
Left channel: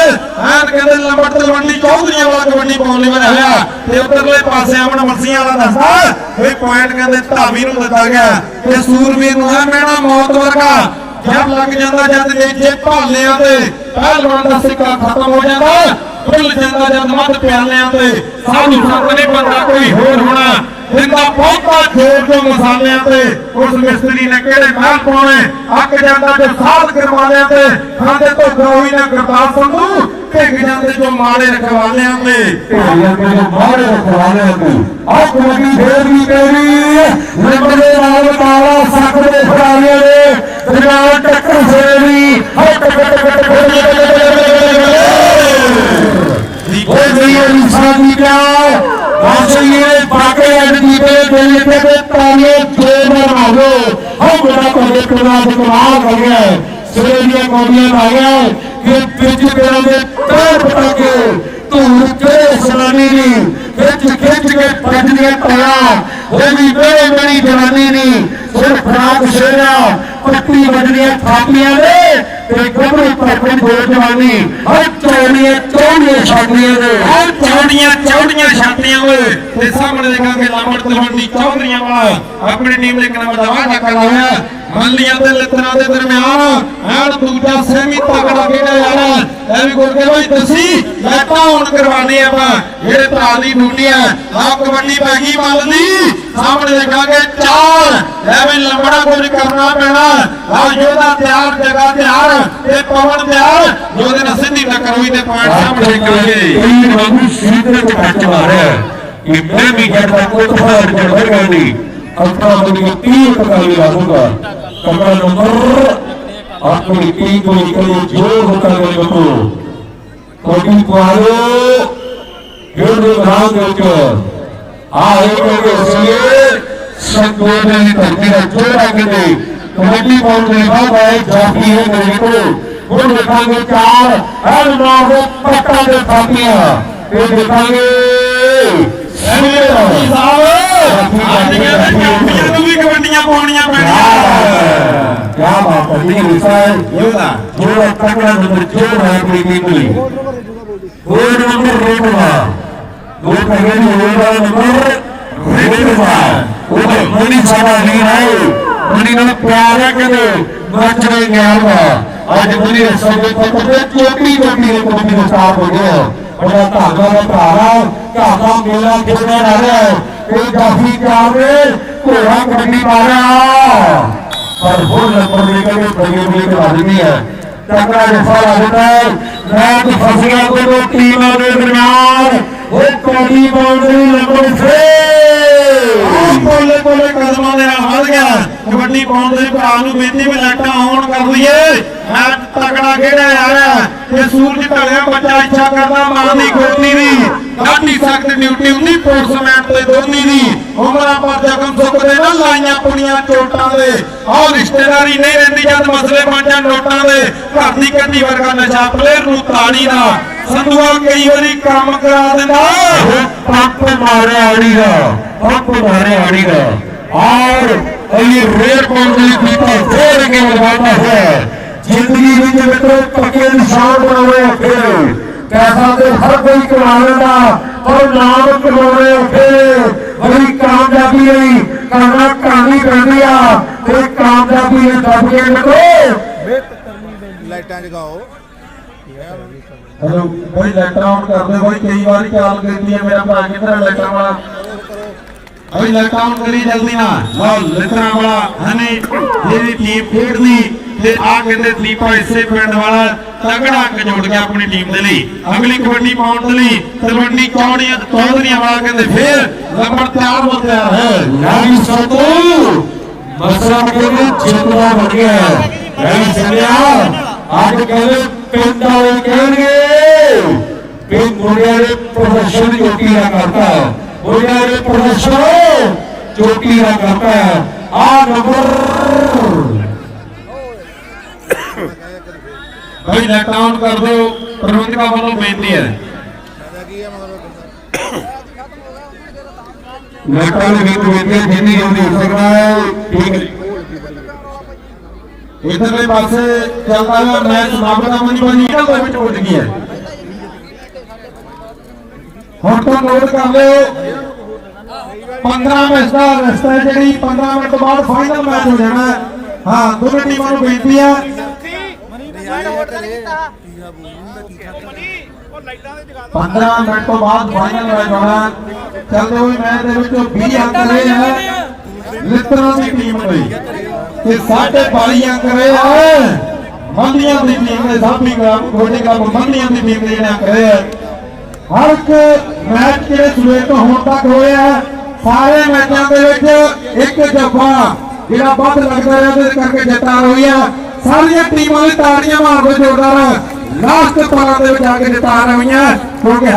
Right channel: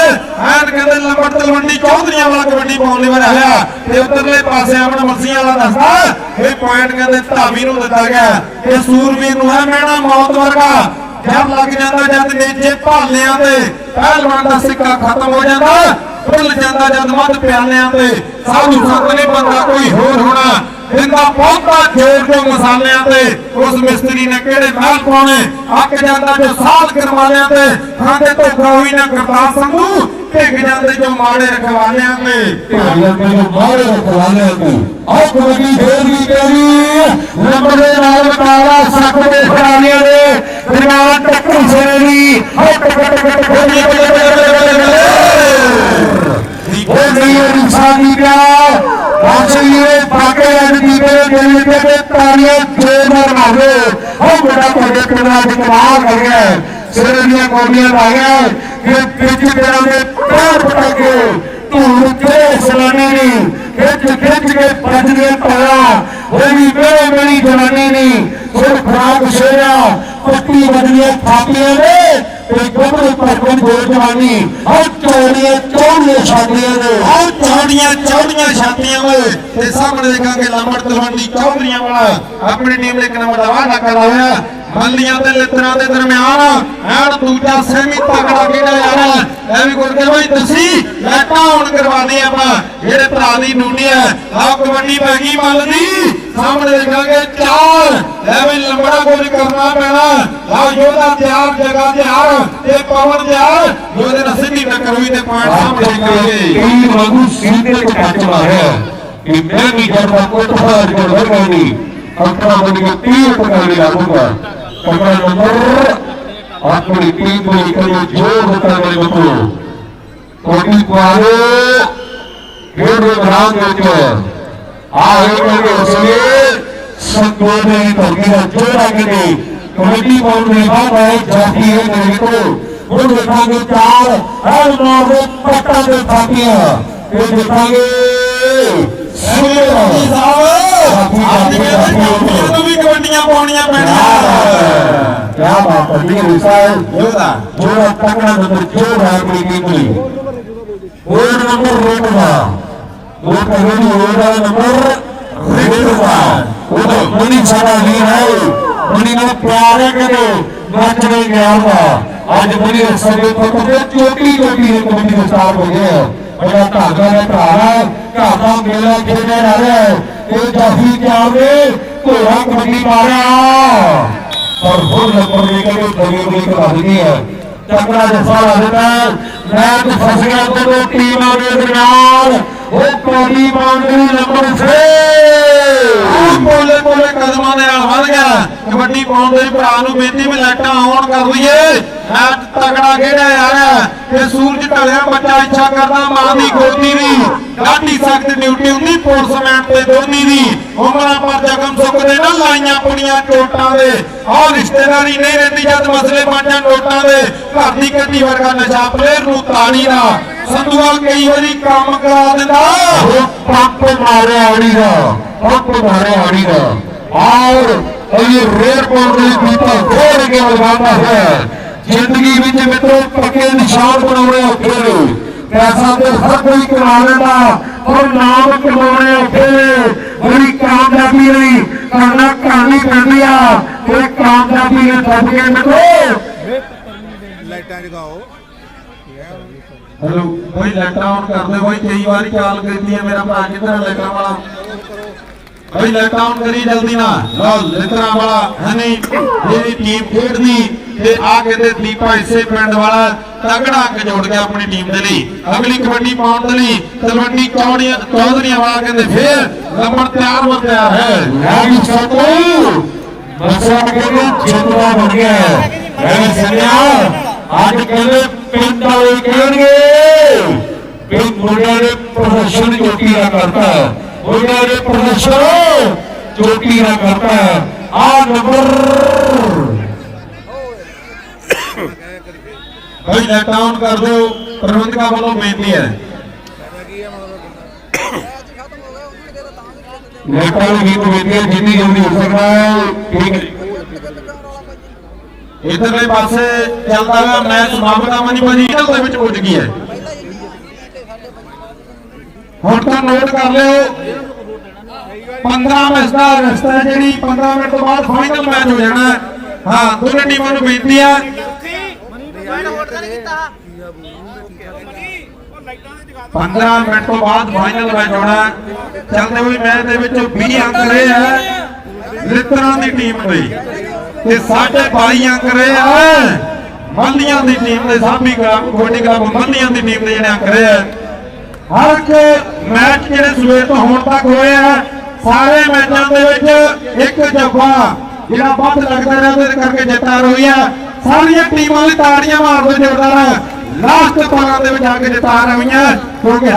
ਐਨ ਕਹਿੰਦੇ ਲੰਬੜ ਤਲਵੰਡੀ ਚੌਧਰੀਆਂ ਵਾਲਾ ਕਬੱਡੀ ਪਾਉਣ ਲਈ ਹੋਇਆ। ਤੇ ਉਧਰਲੇ ਪਾਸੇ ਅਮਨ ਮਰਸੀਆਂ ਵਾਲਾ ਦੱਸਦਾ, ਇਹ ਪੁਆਇੰਟ ਕਹਿੰਦੇ ਧਾਵੀ ਨੂੰ ਦਿੱਤਾ ਗਿਆ। ਇਹ ਸੂਰਵੀਰ ਨੂੰ ਹੈ ਮੈਣਾ ਮੌਤ ਵਰਗਾ। ਜਦ ਲੱਗ ਜਾਂਦਾ ਜਦ ਵੇਚੇ ਭਾਲਿਆਂ ਤੇ, ਪਹਿਲਵਾਨ ਦਾ ਸਿੱਕਾ ਖਤਮ ਹੋ ਜਾਂਦਾ। ਭੁੱਲ ਜਾਂਦਾ ਜਦ ਮੱਧ ਪਿਆਲਿਆਂ ਤੇ ਸਾਧੂ ਸੰਤ ਨਹੀਂ ਬੰਦਾ ਕੋਈ ਹੋਰ ਹੋਣਾ ਜਿੰਦਾ ਪਹੁੰਚਦਾ ਜੋਰ ਦੇ ਮਸਾਲਿਆਂ ਤੇ ਉਸ ਮਿਸਤਰੀ ਨੇ ਕਿਹੜੇ ਮਹਿਲ ਪਾਉਣੇ ਅੱਕ ਜਾਂਦਾ ਜੋ ਸਾਧ ਕਰਵਾਲਿਆਂ ਤੇ ਖਾਂਦੇ ਤੋਂ ਗਰੋਈ ਨਾ ਕਰਤਾਰ ਸੰਧੂ ਭਿੱਗ ਜਾਂਦੇ ਜੋ ਮਾੜੇ ਰਖਵਾਲਿਆਂ ਤੇ ਢੋਲੀਆਂ ਤੇ ਮਾਰੇ ਰਖਵਾਲੇ ਤੇ ਆਹ ਕਬੱਡੀ ਫੇਰ ਵੀ ਤੇਰੀ ਨੰਬਰ ਦੇ ਨਾਲ ਬਟਾਲਾ ਸੱਤ ਦੇ ਖਿਡਾਰੀਆਂ ਨੇ ਪੰਜਾਬ ਟੱਕਰ ਸੇਵੀ ਹੇ ਟੱਕਰ ਟੱਕਰ ਉਹ ਗਈ ਇਨਸਾਨੀ ਦਾ ਕਾਸੇ ਇਹ ਬਾਕੇ ਅਧਿਕੀ ਦੇ ਗਈ ਕੇ ਤਾਰੀਆਂ ਜੋਰ ਨਾਲ ਮਾਰੋ ਹੋ ਬੜਾ ਤੁਹਾਡੇ ਕਿਰਨਾ ਦੇ ਕਮਾਲ ਕਰ ਗਿਆ ਸਿਰੇ ਦੀਆਂ ਕੋਡੀਆਂ ਲਾਇਆ ਕਿ ਵਿੱਚ ਤੇਰਾ ਦੇ ਤੋੜ ਪਟਾਕੇ। ਤੂੰ ਕੇ ਸਰਾਨੀ ਨਹੀਂ ਖਿੱਚ ਖਿੱਚ ਕੇ ਪੱਜਦੀਆਂ ਪਾਇਆ ਉਹ ਵੀ ਕੋਈ ਮੇਰੀ ਜਵਾਨੀ ਨਹੀਂ ਸਿਰ ਫਰਾਕ ਸ਼ੇਰਾ ਪੱਟੀ ਵੱਜਦੀਆਂ ਥਾਪੀਆਂ ਨੇ। ਤੇ ਗੱਭਰੂ ਪੱਟਣ ਦੇ ਜਵਾਨੀ, ਹਰ ਚੌੜੀਆਂ ਚੌੜੀਆਂ ਛਾਡੀਆਂ ਨੇ ਆ ਚੌੜੀਆਂ ਚੌੜੀਆਂ ਛਾਤੀਆਂ ਓਏ, ਤੇ ਸਾਹਮਣੇ ਦੇਖਾਂਗੇ ਲਾਮੜ ਤਲਵੰਡੀ ਚੌਧਰੀਆਂ ਵਾਲਾ। ਆਪਣੀ ਟੀਮ ਦੇ ਨੰਬਰ ਦਾ ਵਾਅਦਾ ਕਰ ਰਿਹਾ ਮੱਲੀਆਂ ਤੇ ਲਿੱਤਰਾਂ ਦੇ ਦਰਮਿਆਨ ਐਨ ਦੂਜਾ ਸੈਮੀ ਤਗੜਾ ਕਿਹੜਾ ਯਾਰ ਐ ਵੀ ਗੁਰਦੇ ਭਾਈ ਤੁਸੀਂ ਲੈਟਾਂ ਹੁਣ ਕਰਵਾਦੇ ਆਪਾਂ। ਜਿਹੜੇ ਭਰਾ ਦੀ ਡਿਊਟੀ ਹੈ ਆ ਕਬੱਡੀ ਪੈ ਗਈ ਮੱਲ ਦੀ। ਸਾਹਮਣੇ ਦੇਖਾਂਗੇ ਚਾਰ। ਲੈ ਵੀ ਲੰਬੜਾ ਕੁਝ ਕਰਨਾ ਪੈਣਾ ਆਓ ਯੋਧਾ ਤਿਆਰ, ਜਗਾ ਤਿਆਰ ਤੇ ਪਵਨ ਤਿਆਰ। ਯੋਧੇ ਨਾਲ ਸਿੱਧੀ ਟੱਕਰ ਹੋਈ ਤੇ ਪੁਆਇੰਟ ਸਾਹਮਣੇ ਦੇਖਾਂਗੇ। ਕਈ ਵਾਂਗੂ ਸੀਧੇ ਕੋ ਕੱਟ ਮਾਰਿਆ ਕਿ ਵੀ ਕਰਦਾ ਕੋਈ ਫਾੜ ਕਰ ਹੋਗਾ ਨਹੀਂ। ਅਲਟਰਾ ਬਣੀ ਤੀਰ ਪਕਾਈ ਲਾਉਂਗਾ ਕਮਰਾ ਨੰਬਰ। ਆਪਣੀ ਟੀਮ ਦੇ ਕਰੇ ਜੋਰ ਹੋਤਾ ਹੈ ਬਤੋ ਕੋਈ ਕੁਆਰੇ ਇਹਦੇ ਬਰਾਦ ਵਿੱਚ। ਆਏ ਕੇ ਉਸਲੇ ਸੰਗੋਦ ਦੀ ਧਰਤੀ ਦਾ ਜੋੜਾ ਕਿਤੇ। ਕਮੇਟੀ ਪਾਉਣ ਦੇ ਬਾਅਦ ਆਏ ਜਾਤੀ ਹੈ ਮੇਰੇ ਕੋਲ ਉਹ ਦੇਖਾਂਗੇ ਚਾਰ ਹਰ ਨਾਮ ਦੇ ਪੱਟਾਂ ਦੇ ਫਾਟੀਆਂ ਇਹ ਦੇਖਾਂਗੇ ਐਵੇਂ ਸਾਹਿਬ ਅੱਜ ਕਹਿੰਦੇ ਕਾਪੀਆਂ ਨੂੰ ਵੀ ਕਬੱਡੀਆਂ ਪਾਉਣੀਆਂ ਪੈਣੀਆਂ ਕਿਆ ਬਾਤ ਹੈ ਜੀ ਮਿਸਾਲ ਯੋਧਾ ਜੋੜਾ ਤਕੜਾ ਨੰਬਰ ਜੋੜ ਹੈ ਆਪਣੀ ਟੀਮ ਲਈ ਹੋਰ ਨੰਬਰ ਰੇਟਵਾ ਉਹ ਕਹਿੰਦੇ ਨੇ ਉਹਦਾ ਨੰਬਰ ਰੇਟਵਾ ਉਹ ਮਣੀ ਸਾਡਾ ਨਹੀਂ ਹੈ ਮਣੀ ਨੂੰ ਪਿਆਰ ਹੈ ਕਿ ਨੱਚ ਰਹੇ ਗਿਆ ਵਾ ਅੱਜ ਮਣੀ ਸੰਗੇ ਤੇ ਤੇ ਚੋਟੀ ਚੋਟੀ ਦੇ ਕਬੱਡੀ ਦੇ ਸਟਾਰ ਹੋ ਗਏ ਉਹਦਾ ਧਾਗਾ ਦਾ ਧਾਰਾ ਧਾਗਾ ਮੇਲਾ ਖੇਡਿਆ ਜਾ ਰਿਹਾ ਹੈ ਇਹ ਜਾਫੀ ਚਾਵੇ ਘੋੜਾ ਕਬੱਡੀ ਮਾਰਿਆ। ਪਰ ਹੋਰ ਨੰਬਰ ਦੇ ਕੇ ਬੜੇ ਬੜੇ ਕਰਾ ਦਿੰਦੀ ਹੈ ਤਕੜਾ ਜਫਾ ਲੱਗਦਾ ਮੈਚ ਫਸ ਗਿਆ ਟੀਮਾਂ ਦੇ ਦਰਮਿਆਨ। ਇਹ ਕਬੱਡੀ ਬਾਉਂਡਰੀ ਨੰਬਰ 6 ਬੋਲੇ ਬੋਲੇ ਕਦਮਾਂ ਦੇ ਨਾਲ ਵੱਧ ਗਿਆ। ਕਬੱਡੀ ਪਾਉਣ ਦੇ ਭਰਾ ਨੂੰ ਬੇਨਤੀ ਵੀ ਲੈਟਾਂ ਆਉਣ ਕਰ ਲਈਏ। ਮੈਚ ਤਕੜਾ ਖੇਡਿਆ ਜਾ ਰਿਹਾ। ਤੇ ਸੂਰਜ ਢਲਿਆ ਬੱਚਾ ਇੱਛਾ ਕਰਦਾ, ਮਾਂ ਦੀ ਗੋਦੀ ਦੀ ਗਾਢੀ ਸਖਤ ਡਿਊਟੀ ਹੁੰਦੀ ਪੁਲਿਸਮੈਨ ਤੇ ਦੋਨੀ ਦੀ। ਉਮਰਾਂ ਪਰ ਜ਼ਖਮ ਸੁੱਕਦੇ ਨਾ ਲਾਈਆਂ ਪੁਣੀਆਂ ਚੋਟਾਂ ਦੇ। ਆਹ ਰਿਸ਼ਤੇਦਾਰੀ ਨਹੀਂ ਰਹਿੰਦੀ ਜਦ ਮਸਲੇ ਬਣ ਜਾਣ ਨੋਟਾਂ ਦੇ। ਘਰ ਦੀ ਕੱਢੀ ਵਰਗਾ ਨਸ਼ਾ ਪਲੇਅਰ ਨੂੰ ਤਾਣੀ ਦਾ। ਸੰਧੂਆ ਕਈ ਵਾਰੀ ਕੰਮ ਕਰਾ ਦਿੰਦਾ। ਪੰਪ ਮਾਰਿਆ ਆੜੀ ਦਾ, ਪੰਪ ਮਾਰਿਆ ਆੜੀ ਦਾ। ਔਰ ਇਹ ਰੇਡ ਕਾਉਂਟਰੀ ਕੀਤਾ ਫੇਰ ਕੇ ਲਗਾਤਾ ਹੈ। ਜ਼ਿੰਦਗੀ ਵਿੱਚ ਮਿੱਤਰੋ ਪੱਕੇ ਨਿਸ਼ਾਨ ਬਣਾਉਣੇ ਔਖੇ ਨੇ ਪੈਸਾ ਤੇ ਹਰ ਕੋਈ ਕਮਾ ਲੈਂਦਾ ਪਰ ਨਾਮ ਕਮਾਉਣੇ ਔਖੇ ਬੜੀ ਕਾਮਯਾਬੀ ਲਈ ਕਰਨਾ ਕਹਾਣੀ ਪੈਂਦੀ ਆ। ਤੇ ਕਾਮਯਾਬੀ ਨੇ ਦੱਬ ਕੇ ਮਿੱਤਰੋ। ਲਾਈਟਾਂ ਜਗਾਓ। ਹੈਲੋ ਕੋਈ ਲੈਟਰ ਆਨ ਕਰਦੇ ਕੋਈ ਕਈ ਵਾਰੀ ਕਾਲ ਕਰਦੀ ਹੈ ਮੇਰਾ ਭਰਾ ਕਿੱਧਰ ਲੈਟਰ ਵਾਲਾ? ਅਈ ਲੈਟਰ ਆਨ ਕਰੀ ਜਲਦੀ ਨਾ ਲਓ ਲੈਟਰਾਂ ਵਾਲਾ ਹਨੇ, ਜਿਹੜੀ ਟੀਮ ਖੇਡਦੀ, ਤੇ ਆ ਕੇ ਤੇ ਦੀਪਾ ਇਸੇ ਪਿੰਡ ਵਾਲਾ ਤਗੜਾ ਕੇ ਜੋੜ ਗਿਆ ਆਪਣੀ ਟੀਮ ਦੇ ਲਈ। ਅਗਲੀ ਕਬੱਡੀ ਪਾਉਣ ਦੇ ਲਈ ਤਲਵੰਡੀ ਚੌੜੀਆਂ, ਚੌਧਰੀਆਂ ਵਾਲਾ ਕਹਿੰਦੇ ਫੇਰ ਲੰਬੜ ਤਿਆਰ ਹੋ। ਗਿਆ ਹੈ ਨਹੀਂ ਸਕੂ ਮਸਲਾ ਕਹਿੰਦੇ ਜਿੰਦਰਾ ਬਣ ਗਿਆ ਮੈਂ ਸੁਣਿਆ ਅੱਜ ਕਹਿੰਦੇ ਪਿੰਡ ਵਾਲੇ ਕਹਿਣਗੇ ਕਿ ਮੁੰਡੇ ਦੇ ਪ੍ਰਦਰਸ਼ਨ ਚੋਟੀ ਦਾ ਕਰਤਾ ਹੈ ਮੁੰਡੇ ਦੇ ਪ੍ਰਦਰਸ਼ਨ ਚੋਟੀ ਕਰਤਾ ਹੈ। ਆ ਨੰਬਰ ਭਾਈ ਲੈਟ ਆਨ ਕਰ ਦਿਓ। ਪ੍ਰਬੰਧਕਾਂ ਵੱਲੋਂ ਬੇਨਤੀ ਹੈ। ਨੇਤਾ ਗੀਤ ਵੇਖੇ ਜਿੰਨੀ ਜਲਦੀ ਹੋ ਠੀਕ ਇਧਰਲੇ ਪਾਸੇ ਚੱਲਦਾ ਹੋਇਆ ਮੈਚ ਸਮਾਪਤ ਆ ਮਨੀ ਦੇ ਵਿੱਚ ਉੱਡ ਗਈ ਹੈ। ਹੁਣ ਤਾਂ ਨੋਟ ਕਰ ਲਿਓ। 15 ਮਿੰਟ ਦਾ ਰਸਤਾ ਹੈ ਜਿਹੜੀ 15 ਮਿੰਟ ਤੋਂ ਬਾਅਦ ਫਾਈਨਲ ਮੈਚ ਹੋ ਜਾਣਾ ਹੈ। ਹਾਂ ਦੋਵੇਂ ਟੀਮਾਂ ਨੂੰ ਬੇਨਤੀ ਹੈ। ਪੰਦਰਾਂ ਮਿੰਟ ਤੋਂ ਬਾਅਦ ਫਾਈਨਲ ਮੈਚ ਹੋਣਾ ਹੈ। ਚੱਲਦੇ ਹੋਏ ਮੈਚ ਦੇ ਵਿੱਚ 20 ਅੰਕ ਰਹੇ ਆ। ਲਿੱਤਰਾਂ ਦੀ ਟੀਮ ਲਈ। ਤੇ ਸਾਢੇ 22 ਅੰਕ ਰਹੇ ਆ। ਮੰਡੀਆਂ ਦੀ ਟੀਮ ਨੇ ਸਾਬੀ ਗ੍ਰਾਮ ਗੋਡੇ ਗ੍ਰਾਮ ਮੰਡੀਆਂ ਦੀ ਟੀਮ ਨੇ ਜਿਹੜੇ ਅੰਕ ਰਹੇ ਆ। ਹਰ ਇੱਕ ਮੈਚ ਜਿਹੜੇ ਸਵੇਰ ਤੋਂ ਹੁਣ ਤੱਕ ਹੋਏ ਆ। ਸਾਰੇ ਮੈਚਾਂ ਦੇ ਵਿੱਚ ਇੱਕ ਜੱਫਾ ਜਿਹੜਾ ਵੱਧ ਲੱਗਦਾ ਰਿਹਾ, ਉਹਦੇ ਕਰਕੇ ਜਿੱਤਾਂ ਹੋਈ ਆ ਸਾਰੀਆਂ ਟੀਮਾਂ ਦੀ ਤਾੜੀਆਂ ਮਾਰਦੇ ਜੋਰਦਾਰ ਲਾਸਟ ਪਾਰ ਦੇ ਵਿੱਚ ਆ ਕੇ ਜਿੱਤਾਂ ਰਹੀਆਂ, ਕਿਉਂਕਿ